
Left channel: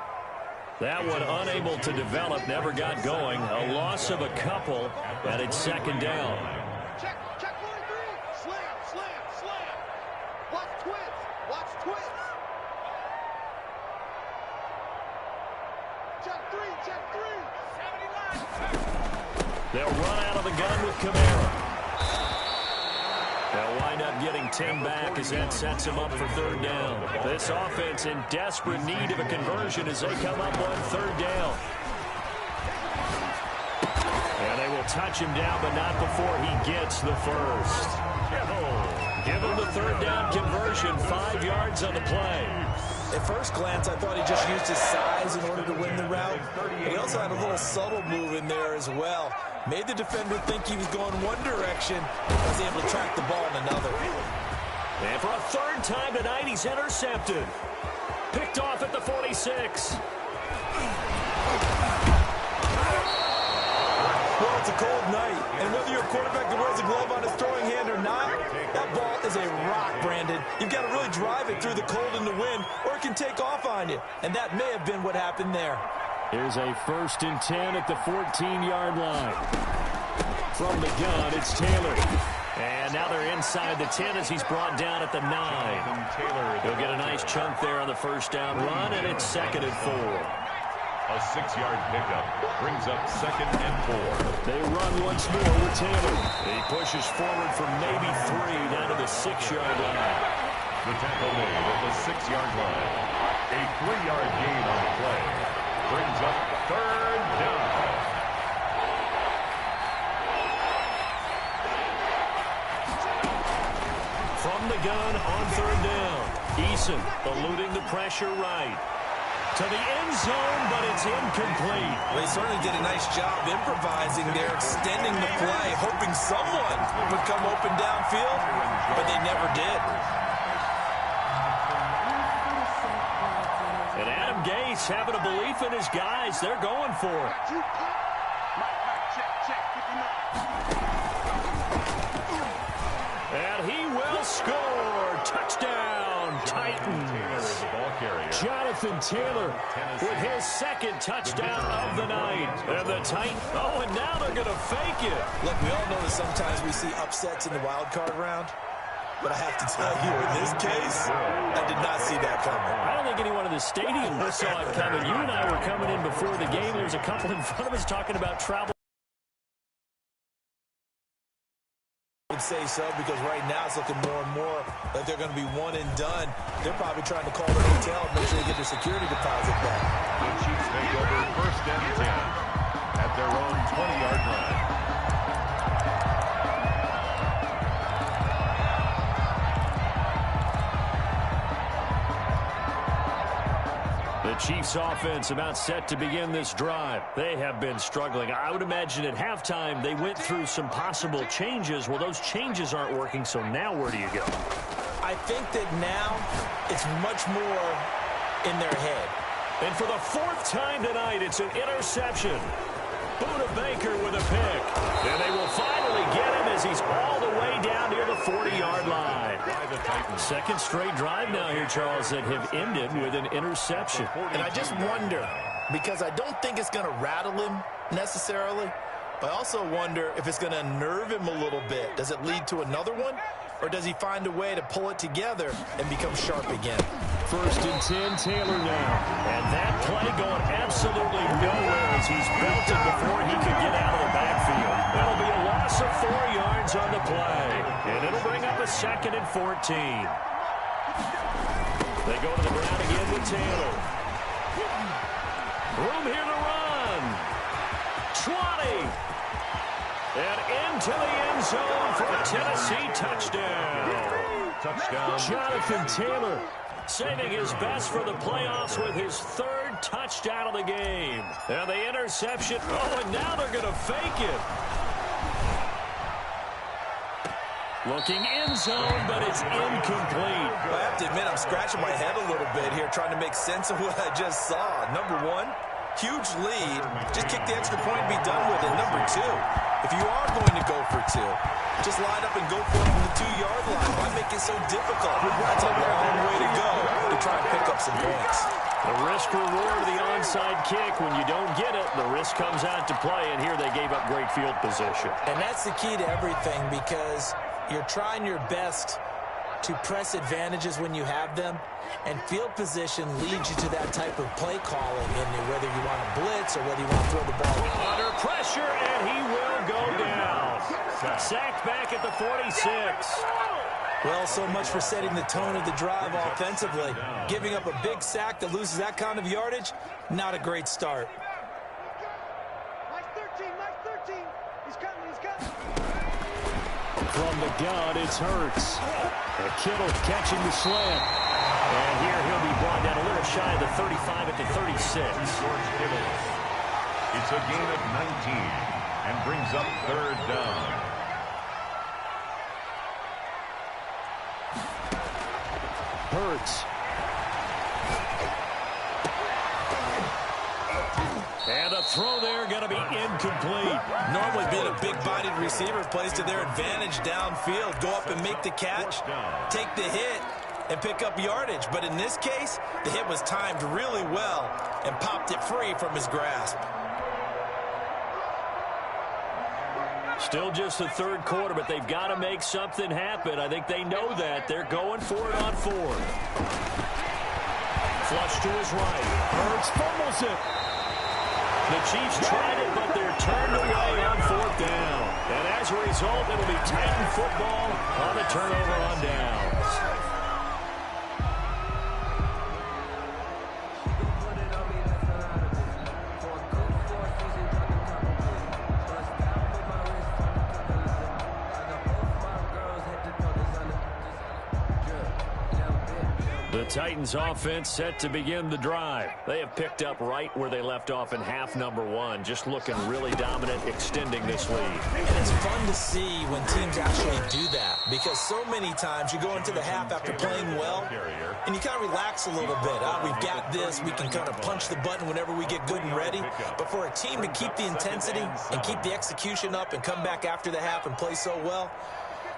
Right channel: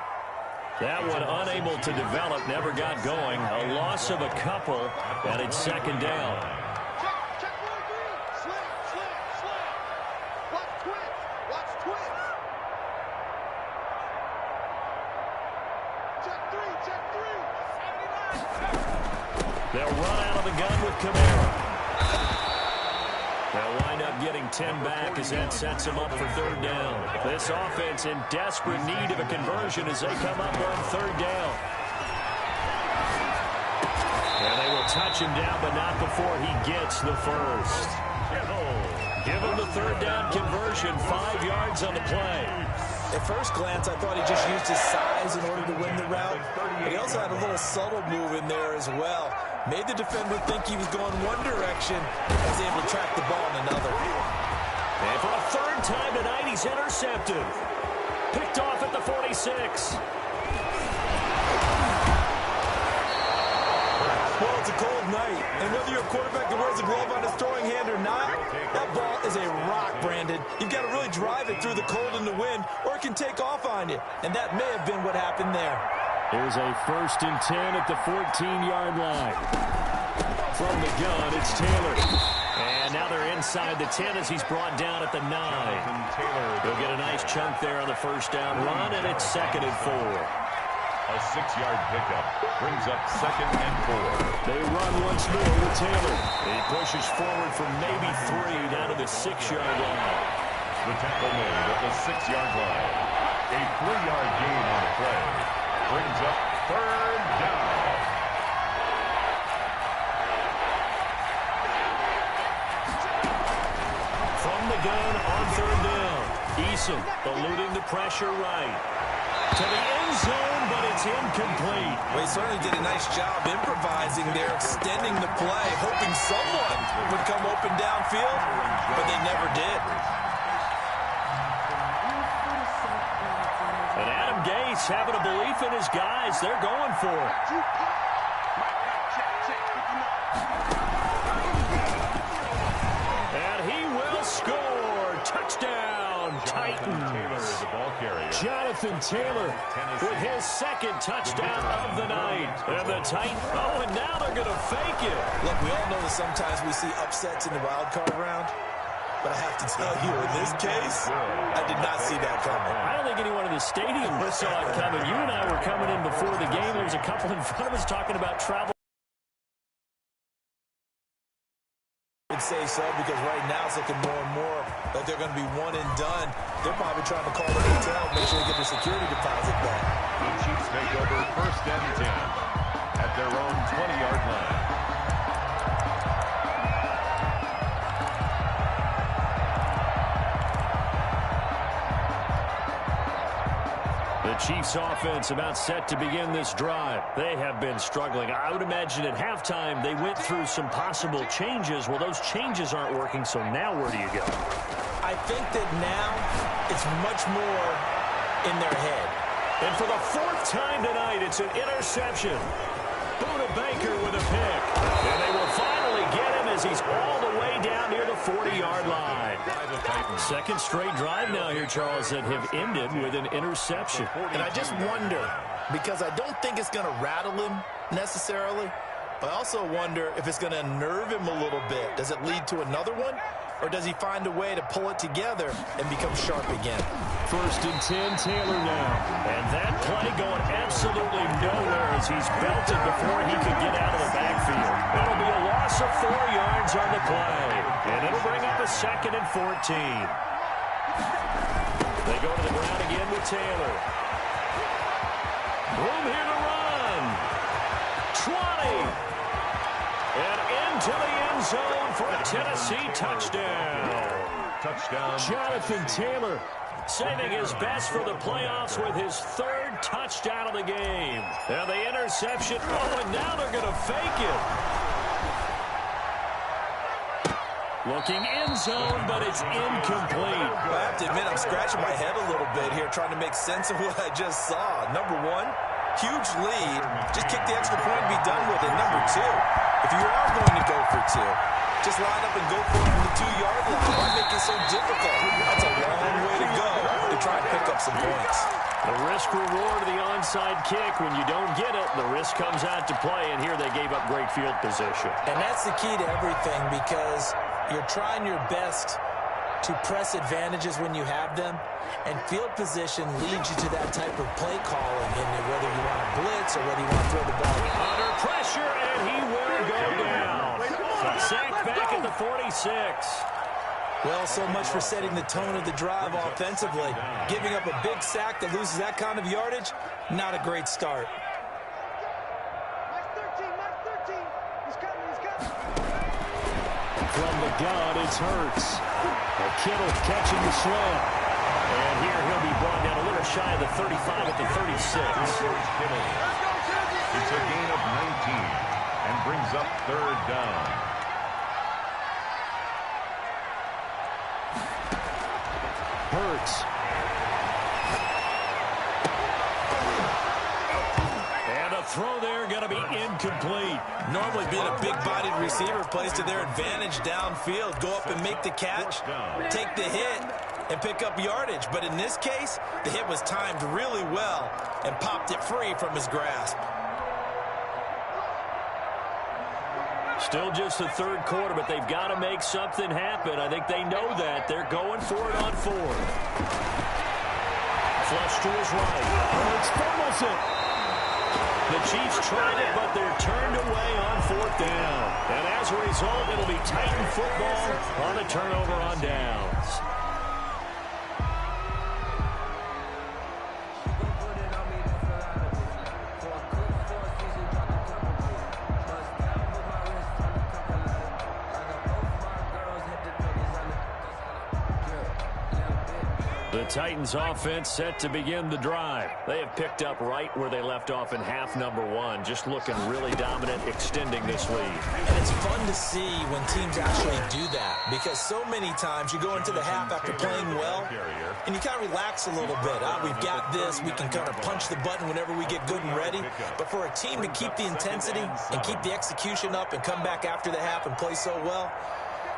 That one unable to develop, never got going. A loss of a couple, and it's second down. Check 1-3. Slam. Watch twist. Check 3. 79. They'll run out of the gun with Kamara. They'll wind up getting 10 back as that sets them up for third down. This offense in desperate need of a conversion as they come up on third down. And they will touch him down, but not before he gets the first. Give him the third down conversion, 5 yards on the play. At first glance, I thought he just used his size in order to win the route, but he also had a little subtle move in there as well. Made the defender think he was going one direction, and was able to track the ball in another. And for a third time tonight, he's intercepted. Picked off at the 46. Well, it's a cold night, and whether you're a quarterback that wears a glove on his throwing hand or not, that ball is a rock, Brandon. You've got to really drive it through the cold and the wind, or it can take off on you, and that may have been what happened there. Here's a 1st and 10 at the 14-yard line. From the gun, it's Taylor. And now they're inside the 10 as he's brought down at the 9. He'll get a nice chunk there on the first down run, and it's 2nd and 4. A 6-yard pickup brings up 2nd and 4. They run once more with Taylor. He pushes forward from maybe 3 down to the 6-yard line. The tackle made at the 6-yard line. A 3-yard gain on the play brings up third down. From the gun on third down. Eason eluding the pressure right. To the end zone, but it's incomplete. Well, he certainly did a nice job improvising there, extending the play, hoping someone would come open downfield, but they never did. And Adam Gase having a belief in his guys. They're going for it. And he will score. Touchdown, Titans. Jonathan Taylor with his 2nd touchdown of the night. And the Titans, and now they're going to fake it. Look, we all know that sometimes we see upsets in the wild card round. But I have to tell you, in this case, I did not see that coming. I don't think anyone in the stadium saw it coming. You and I were coming in before the game. There was a couple in front of us talking about travel. I would say so, because right now it's looking more and more like they're going to be one and done. They're probably trying to call the hotel, make sure they get their security deposit back. The Chiefs take over 1st and 10 at their own 20-yard line. The Chiefs offense about set to begin this drive. They have been struggling. I would imagine at halftime they went through some possible changes. Well, those changes aren't working, so now where do you go? I think that now it's much more in their head. And for the 4th time tonight, it's an interception. Buda Baker with a pick. And they will finally get him as he's all the way down near the 40-yard line. 2nd straight drive now here, Charles, that have ended with an interception. And I just wonder, because I don't think it's going to rattle him necessarily, but I also wonder if it's going to unnerve him a little bit. Does it lead to another one? Or does he find a way to pull it together and become sharp again? 1st and 10, Taylor now. And that play going absolutely nowhere as he's belted before he could get out of the backfield. That'll be a loss of 4 yards on the play. And it'll bring up a 2nd and 14. They go to the ground again with Taylor. Room here to run. 20. And into the end zone for a Tennessee touchdown. Touchdown. Jonathan Taylor saving his best for the playoffs with his 3rd touchdown of the game. And the interception. And now they're going to fake it. Looking end zone, but it's incomplete. Well, I have to admit, I'm scratching my head a little bit here, trying to make sense of what I just saw. Number one, huge lead. Just kick the extra point and be done with it. Number two, if you are going to go for two, just line up and go for it from the 2-yard line. Why make it so difficult? That's a long way to go to try and pick up some points. The risk-reward of the onside kick. When you don't get it, the risk comes out to play, and here they gave up great field position. And that's the key to everything, because you're trying your best to press advantages when you have them, and field position leads you to that type of play calling, and whether you want to blitz or whether you want to throw the ball. Under pressure, and he will go down. Sacked back at the 46. Well, so much for setting the tone of the drive offensively. Giving up a big sack that loses that kind of yardage, not a great start. Mike 13. He's coming. From the gun, it's Hurts. And Kittle catching the slant. And here he'll be brought down a little shy of the 35 at the 36. George Kittle. It's a gain of 19 and brings up 3rd down. Hurts. And a throw there going to be incomplete. Normally being a big-bodied receiver plays to their advantage downfield. Go up and make the catch, take the hit, and pick up yardage. But in this case, the hit was timed really well and popped it free from his grasp. Still just the 3rd quarter, but they've got to make something happen. I think they know that. They're going for it on 4th. Flush to his right. Hurts fumbles it. The Chiefs tried it, but they're turned away on 4th down. And as a result, it'll be Titan football on the turnover on downs. The Titans offense set to begin the drive. They have picked up right where they left off in half number 1. Just looking really dominant, extending this lead. And it's fun to see when teams actually do that, because so many times you go into the half after playing well and you kind of relax a little bit. We've got this. We can kind of punch the button whenever we get good and ready. But for a team to keep the intensity and keep the execution up and come back after the half and play so well,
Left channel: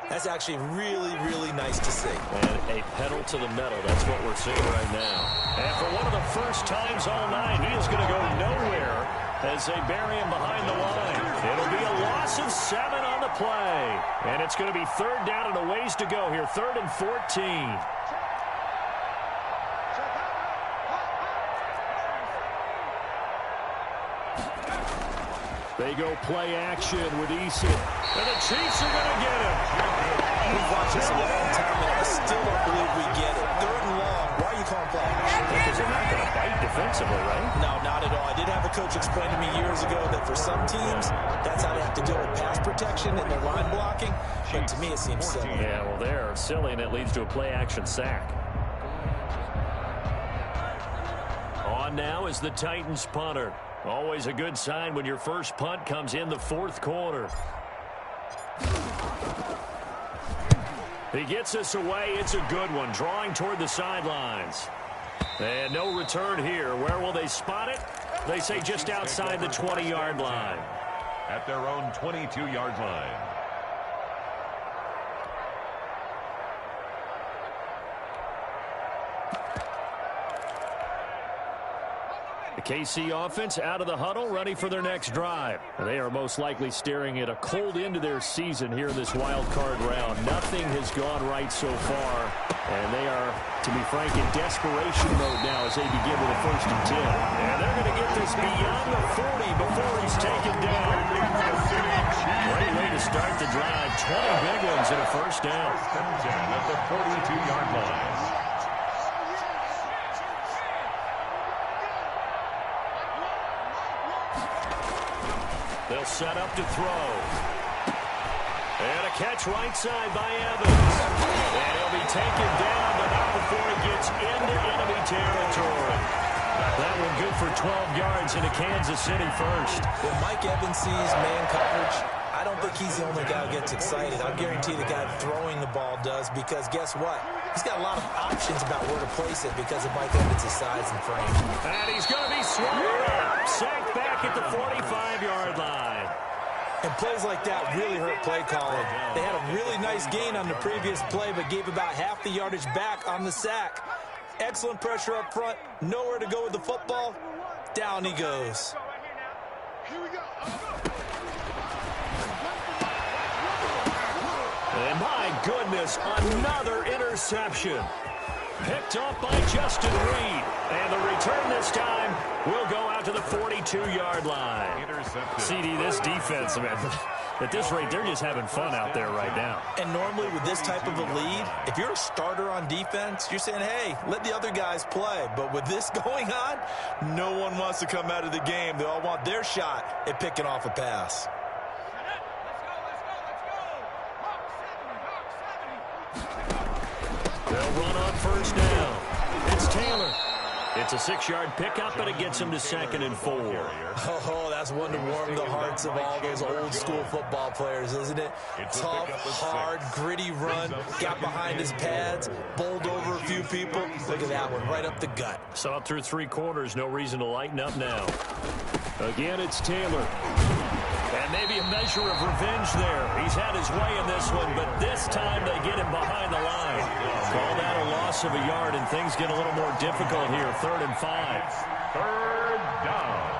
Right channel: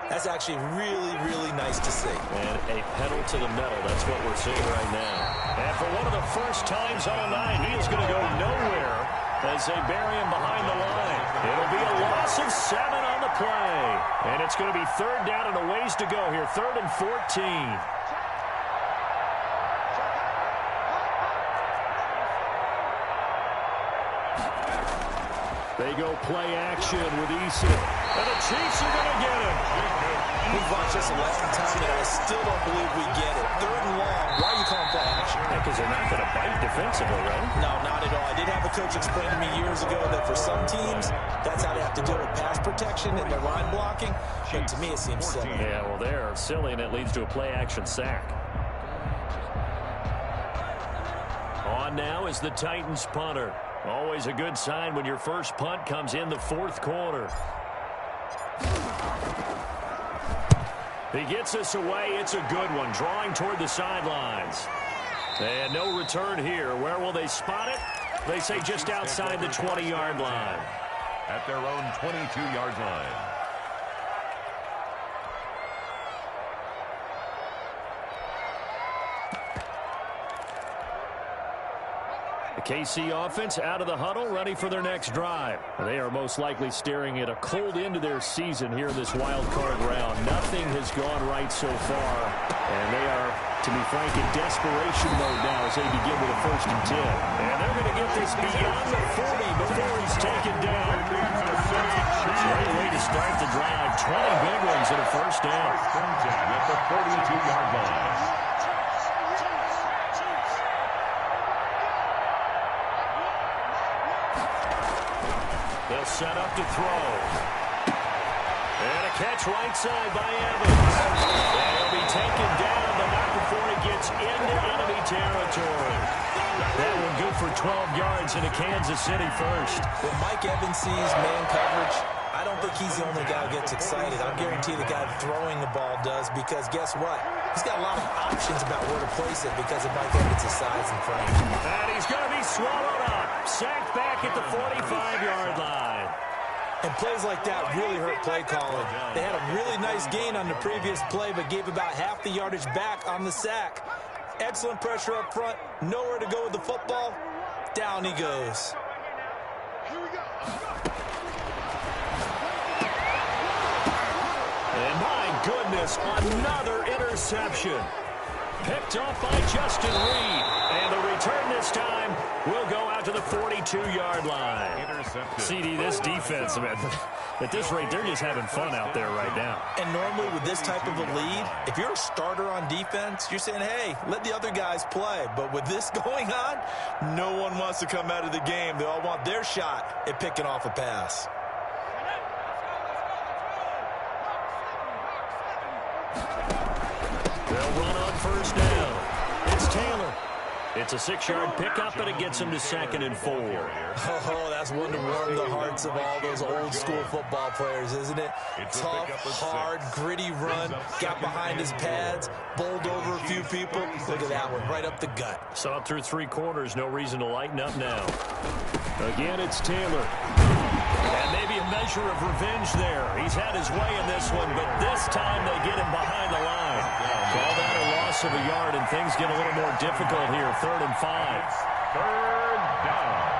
that's actually really, really nice to see. And a pedal to the metal. That's what we're seeing right now. And for one of the first times all night, he is going to go nowhere as they bury him behind the line. It'll be a loss of 7 on the play. And it's going to be 3rd down and a ways to go here. 3rd and 14. They go play action with Eason. And the Chiefs are going to get him. We've watched this a long time, and I still don't believe we get it. 3rd and long. Why are you calling play action? Because they're not going to bite defensively, right? No, not at all. I did have a coach explain to me years ago that for some teams, that's how they have to deal with pass protection and their line blocking. But to me, it seems silly. Yeah, well, they're silly, and it leads to a play action sack. On now is the Titans punter. Always a good sign when your first punt comes in the 4th quarter. He gets us away. It's a good one. Drawing toward the sidelines. And no return here. Where will they spot it? They say just outside the 20-yard line. At their own 22-yard line. The KC offense out of the huddle, ready for their next drive. They are most likely staring at a cold end to their season here in this wild card round. Nothing has gone right so far, and they are, to be frank, in desperation mode now as they begin with a 1st and 10. And they're going to get this beyond the 40 before he's taken down. Great way to start the drive. 20 big ones and a 1st down. 1st and 10 at the 42-yard line. They'll set up to throw. And a catch right side by Evans. And he'll be taken down, but not before he gets into enemy territory. That one good for 12 yards into Kansas City first. When Mike Evans sees man coverage, I don't think he's the only guy who gets excited. I'll guarantee the guy throwing the ball does, because guess what? He's got a lot of options about where to place it because of Mike Evans' size and frame. And he's going to be swallowed up. Sacked back at the 45-yard line. And plays like that really hurt play calling. They had a really nice gain on the previous play, but gave about half the yardage back on the sack. Excellent pressure up front. Nowhere to go with the football. Down he goes. Here we go. And my goodness, another interception. Picked off by Justin Reed. And the return this time will go out to the 42-yard line. CD, this defense, man, at this rate, they're just having fun out there right now. And normally with this type of a lead, if you're a starter on defense, you're saying, hey, let the other guys play. But with this going on, no one wants to come out of the game. They all want their shot at picking off a pass. They'll run on first down. It's Taylor. It's a 6-yard pickup, and it gets him to 2nd and 4. Oh, that's one to warm the hearts of all those old-school football players, isn't it? Tough, hard, gritty run, got behind his pads, bowled over a few people. Look at that one, right up the gut. Saw it through 3 quarters, no reason to lighten up now. Again, it's Taylor. And maybe a measure of revenge there. He's had his way in this one, but this time they get him behind the line. Call that a loss of a yard, and things get a little more difficult here. 3rd and 5. Third down.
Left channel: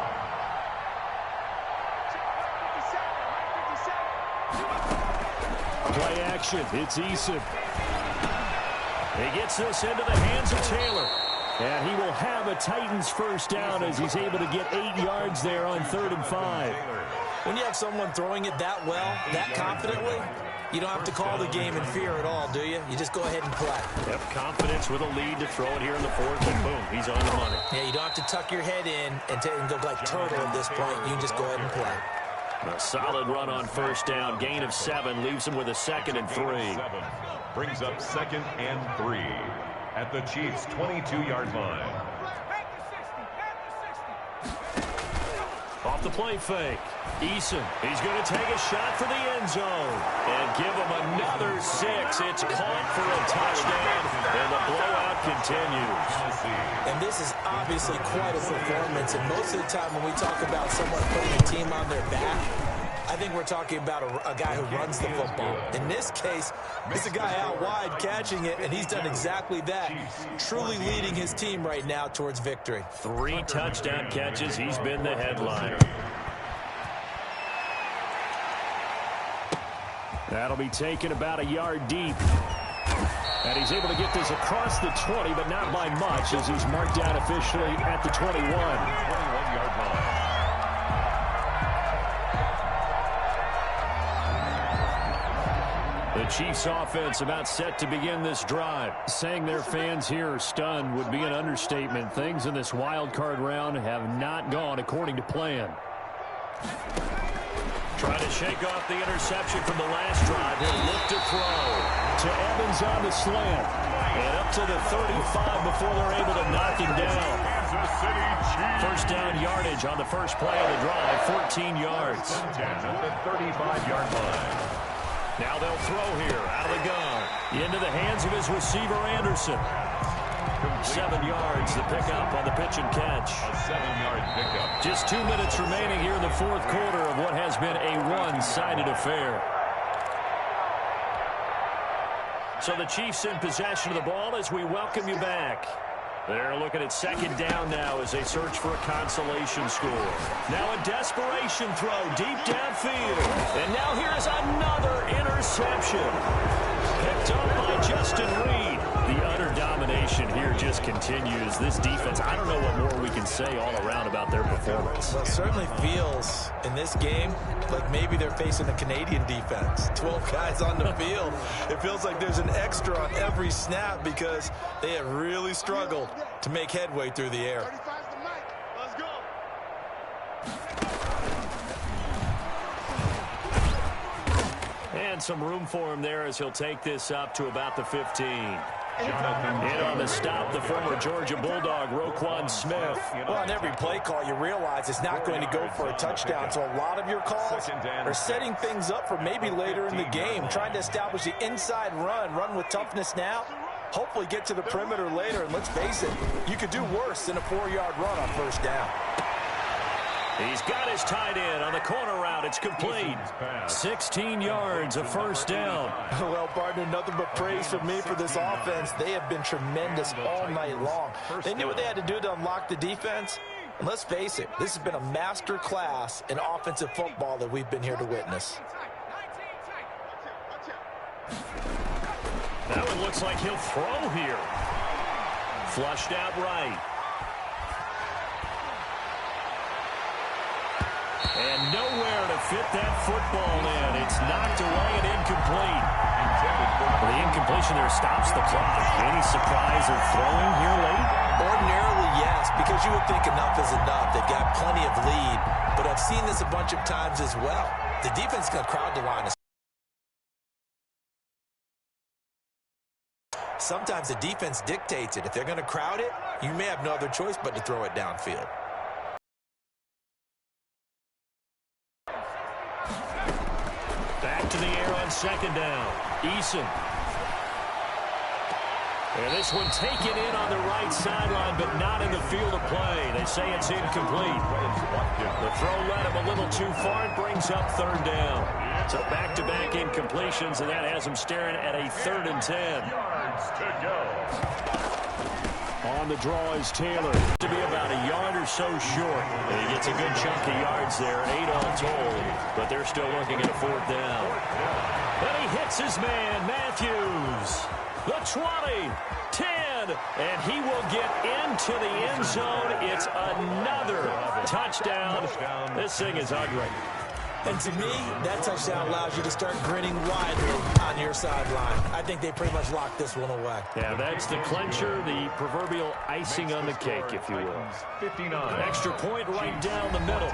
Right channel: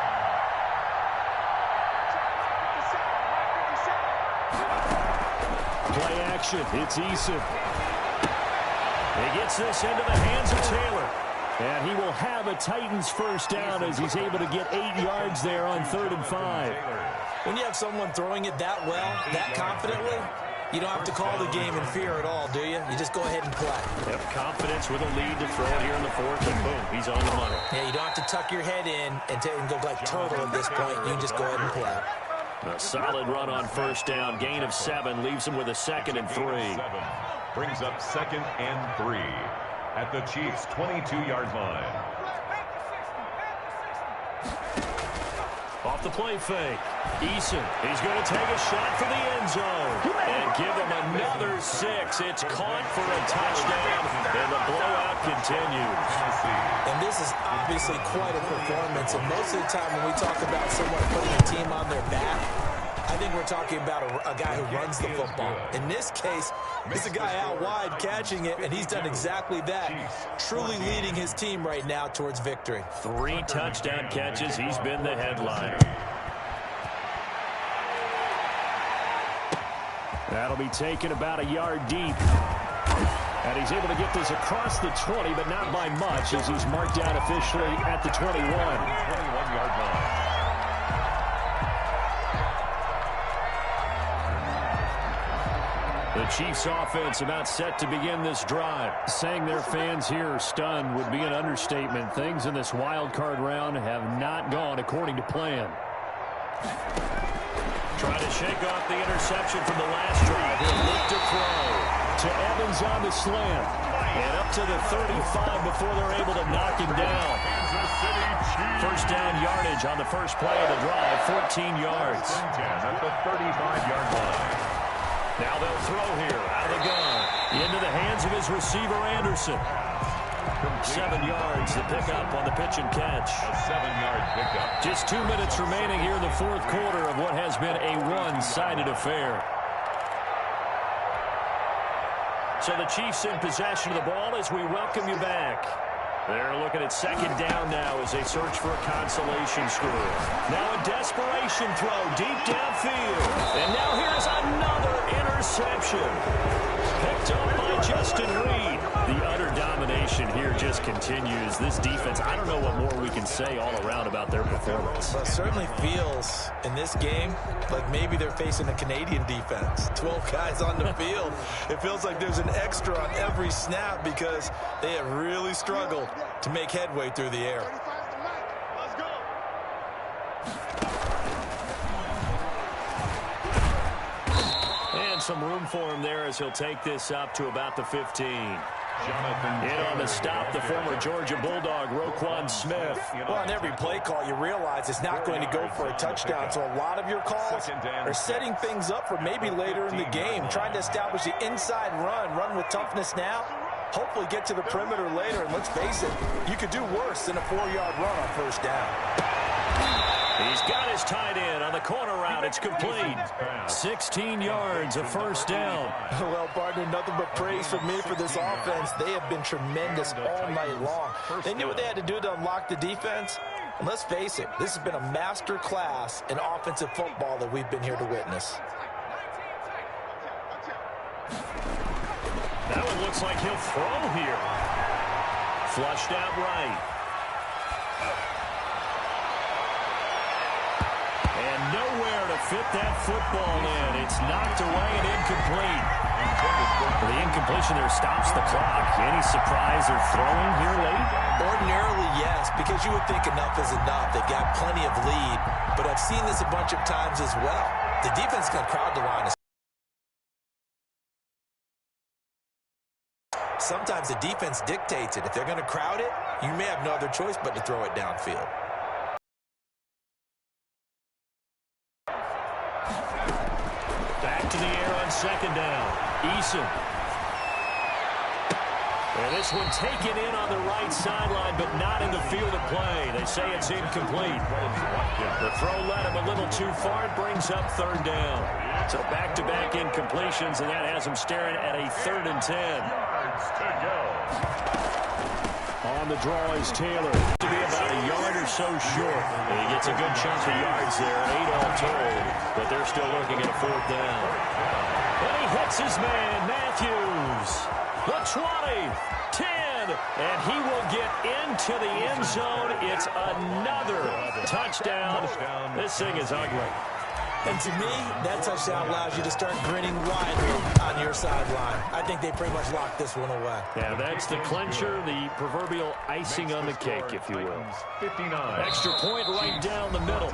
Play action. It's Eason. He gets this into the hands of Taylor. And he will have a Titans first down as he's able to get 8 yards there on 3rd and 5. When you have someone throwing it that well, that confidently, you don't have to call the game in fear at all, do you? You just go ahead and play. Yep, confidence with a lead to throw it here in the 4th, and boom, he's on the money. Yeah, you don't have to tuck your head in and go like turtle at this point. You can just go ahead and play. A solid run on first down. Gain of 7 leaves him with a 2nd and 3. Brings up 2nd and 3 at the Chiefs' 22-yard line. Off the play fake. Eason, he's going to take a shot for the end zone and give him another 6. It's caught for a touchdown, and the blowout continues. And this is obviously quite a performance, and most of the time when we talk about someone putting a team on their back, I think we're talking about a guy who runs the football. In this case, it's a guy out wide catching it, and he's done exactly that, truly leading his team right now towards victory. 3 touchdown catches. He's been the headliner. That'll be taken about a yard deep. And he's able to get this across the 20, but not by much, as he's marked out officially at the 21. 21-yard line. The Chiefs offense about set to begin this drive. Saying their fans here are stunned would be an understatement. Things in this wild card round have not gone according to plan. Trying to shake off the interception from the last drive. He'll look to throw to Evans on the slant. And up to the 35 before they're able to knock him down. First down yardage on the first play of the drive, 14 yards. At the 35-yard line. Now they'll throw here out of the gun. Into the hands of his receiver, Anderson. 7 yards, the pickup on the pitch and catch. A 7-yard pickup. Just 2 minutes remaining here in the 4th quarter of what has been a one-sided affair. So the Chiefs in possession of the ball as we welcome you back. They're looking at 2nd down now as they search for a consolation score. Now a desperation throw deep downfield. And now here's another interception. Picked up by Justin Reed. The utter domination here just continues. This defense, I don't know what more we can say all around about their performance. Well, it certainly feels in this game like maybe they're facing a Canadian defense. 12 guys on the field. It feels like there's an extra on every snap because they have really struggled to make headway through the air. 35's the mic. Let's go. And find some room for him there as he'll take this up to about the 15. In on the stop, the former Georgia Bulldog, Roquan Smith. Well, on every play call, you realize it's not going to go for a touchdown, so a lot of your calls are setting things up for maybe later in the game, trying to establish the inside run with toughness now, hopefully get to the perimeter later, and let's face it, you could do worse than a 4-yard run on first down. He's got his tight end on the corner route. It's complete. 16 yards, a first down. Well, partner, nothing but praise from me for this offense. They have been tremendous all night long. They knew what they had to do to unlock the defense. And let's face it, this has been a master class in offensive football that we've been here to witness. That one looks like he'll throw here. Flushed out right. And nowhere to fit that football in. It's knocked away and incomplete. Well, the incompletion there stops the clock. Any surprise they're throwing here late? Ordinarily, yes, because you would think enough is enough. They've got plenty of lead, but I've seen this a bunch of times as well. The defense is going to crowd the line. Sometimes the defense dictates it. If they're going to crowd it, you may have no other choice but to throw it downfield. Back to the air on second down. Eason. And this one taken in on the right sideline, but not in the field of play. They say it's incomplete. The throw led him a little too far. It brings up third down. So back-to-back incompletions, and that has him staring at a 3rd and 10. Yards to go. On the draw is Taylor. To be about a yard or so short. And he gets a good chunk of yards there, 8 all told. But they're still looking at a 4th down. And he hits his man, Matthews. The 20, 10, and he will get into the end zone. It's another touchdown. This thing is ugly. And to me, that touchdown allows you to start grinning widely on your sideline. I think they pretty much locked this one away. Yeah, that's the clincher, the proverbial icing on the cake, if you will. 59. Extra point right down the middle.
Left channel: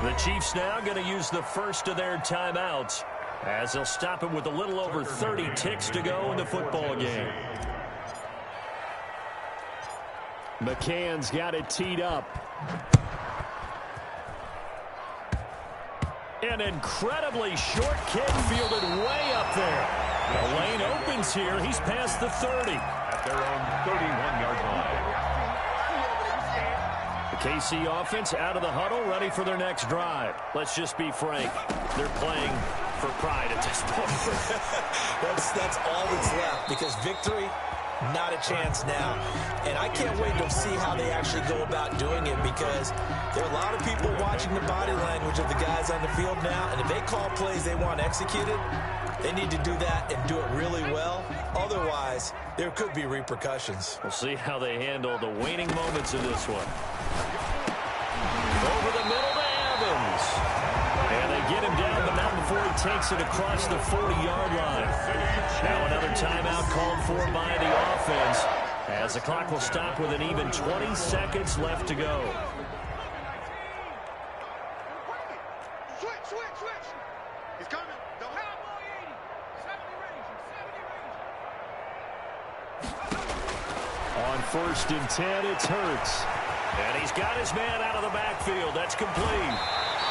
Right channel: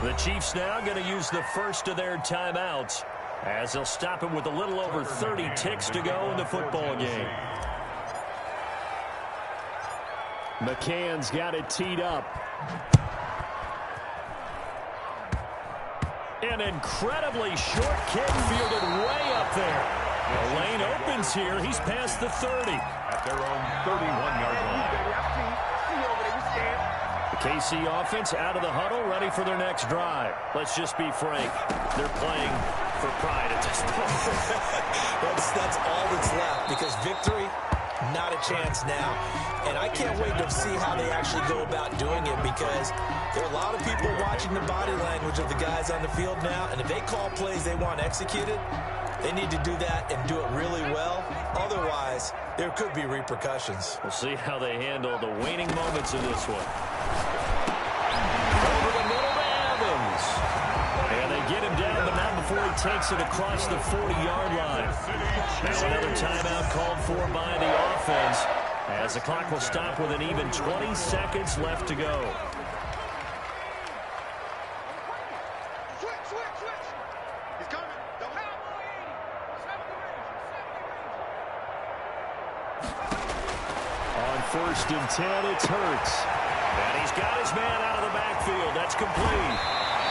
The Chiefs now going to use the first of their timeouts, as they'll stop it with a little over 30 ticks to go in the football game. McCann's got it teed up. An incredibly short kick fielded way up there. The lane opens here. He's past the 30. At their own 31-yard line. The KC offense out of the huddle, ready for their next drive. Let's just be frank. They're playing for pride at this point. That's all that's left, because victory, not a chance now. And I can't wait to see how they actually go about doing it, because there are a lot of people watching the body language of the guys on the field now, and if they call plays they want executed, they need to do that and do it really well. Otherwise, there could be repercussions. We'll see how they handle the waning moments of this one. Over the middle to Evans. And they get him down, but not before he takes it across the 40-yard line. Now another timeout called for by the offense, as the clock will stop with an even 20 seconds left to go. Switch. He's coming. Double. Cowboy 80. 70 range. On 1st and 10, it's Hurts. And he's got his man out of the backfield. That's complete.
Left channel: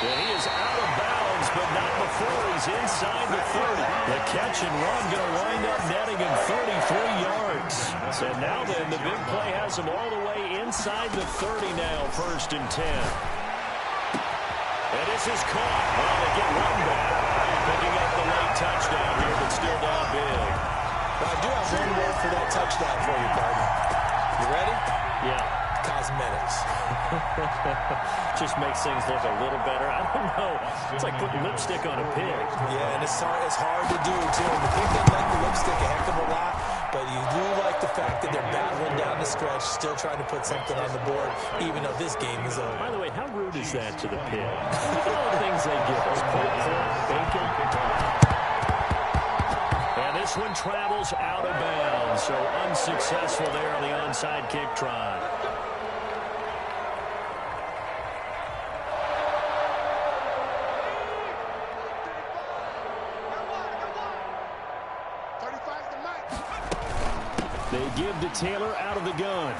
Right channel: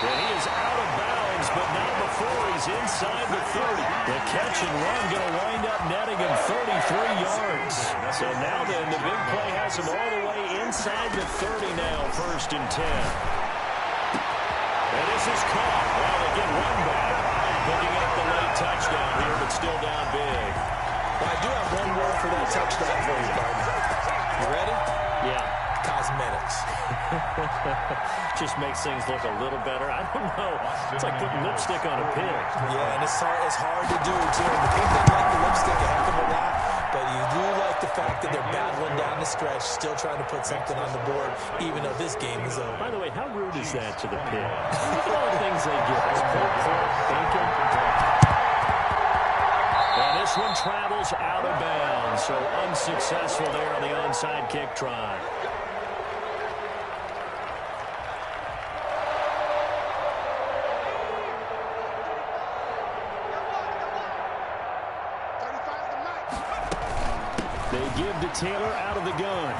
And he is out of bounds, but not before he's inside the 30. The catch and run going to wind up netting him 33 yards. So now then, the big play has him all the way inside the 30 now, 1st and 10. And this is caught. Well, they get one back. Picking up the late touchdown here, but still down big. Well, I do have one word for that touchdown for you, partner. You ready? Yeah. Cosmetics. Just makes things look a little better. I don't know. It's like putting lipstick on a pig. Yeah, and it's hard to do, too. And the pig doesn't like the lipstick a heck of a lot, but you do like the fact that they're battling down the stretch, still trying to put something on the board, even though this game is over. By the way, how rude is that to the pig? Look at all the things they give us. Pork, bacon. And this one travels out of bounds, so unsuccessful there on the onside kick try. They give to Taylor out of the gun.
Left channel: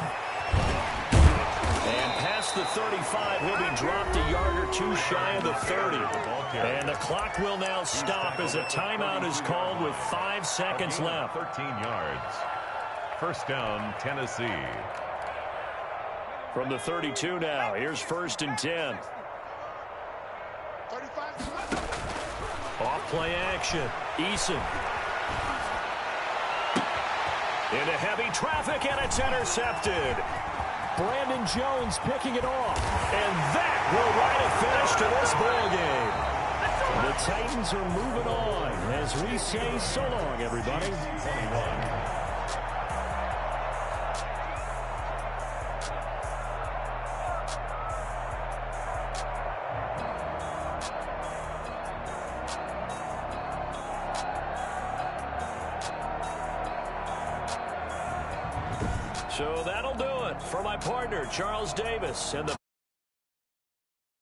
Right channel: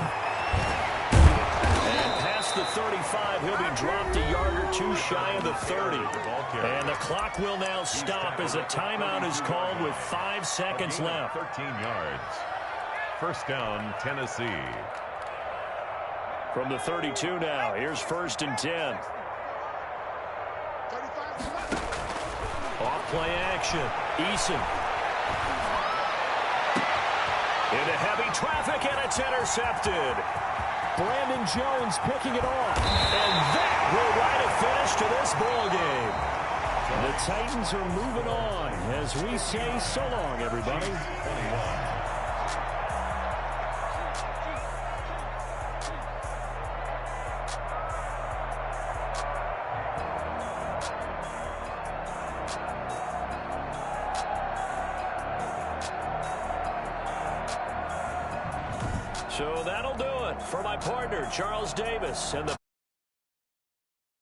And past the 35, he'll be dropped a yard or two shy of the 30. And the clock will now stop as a timeout is called with 5 seconds left. 13 yards. First down, Tennessee. From the 32 now, here's 1st and 10. Off play action. Eason. Into heavy traffic, and it's intercepted. Brandon Jones picking it off. And that will write a finish to this ball game. The Titans are moving on as we say so long, everybody. 21. So that'll do it for my partner, Charles Davis, and the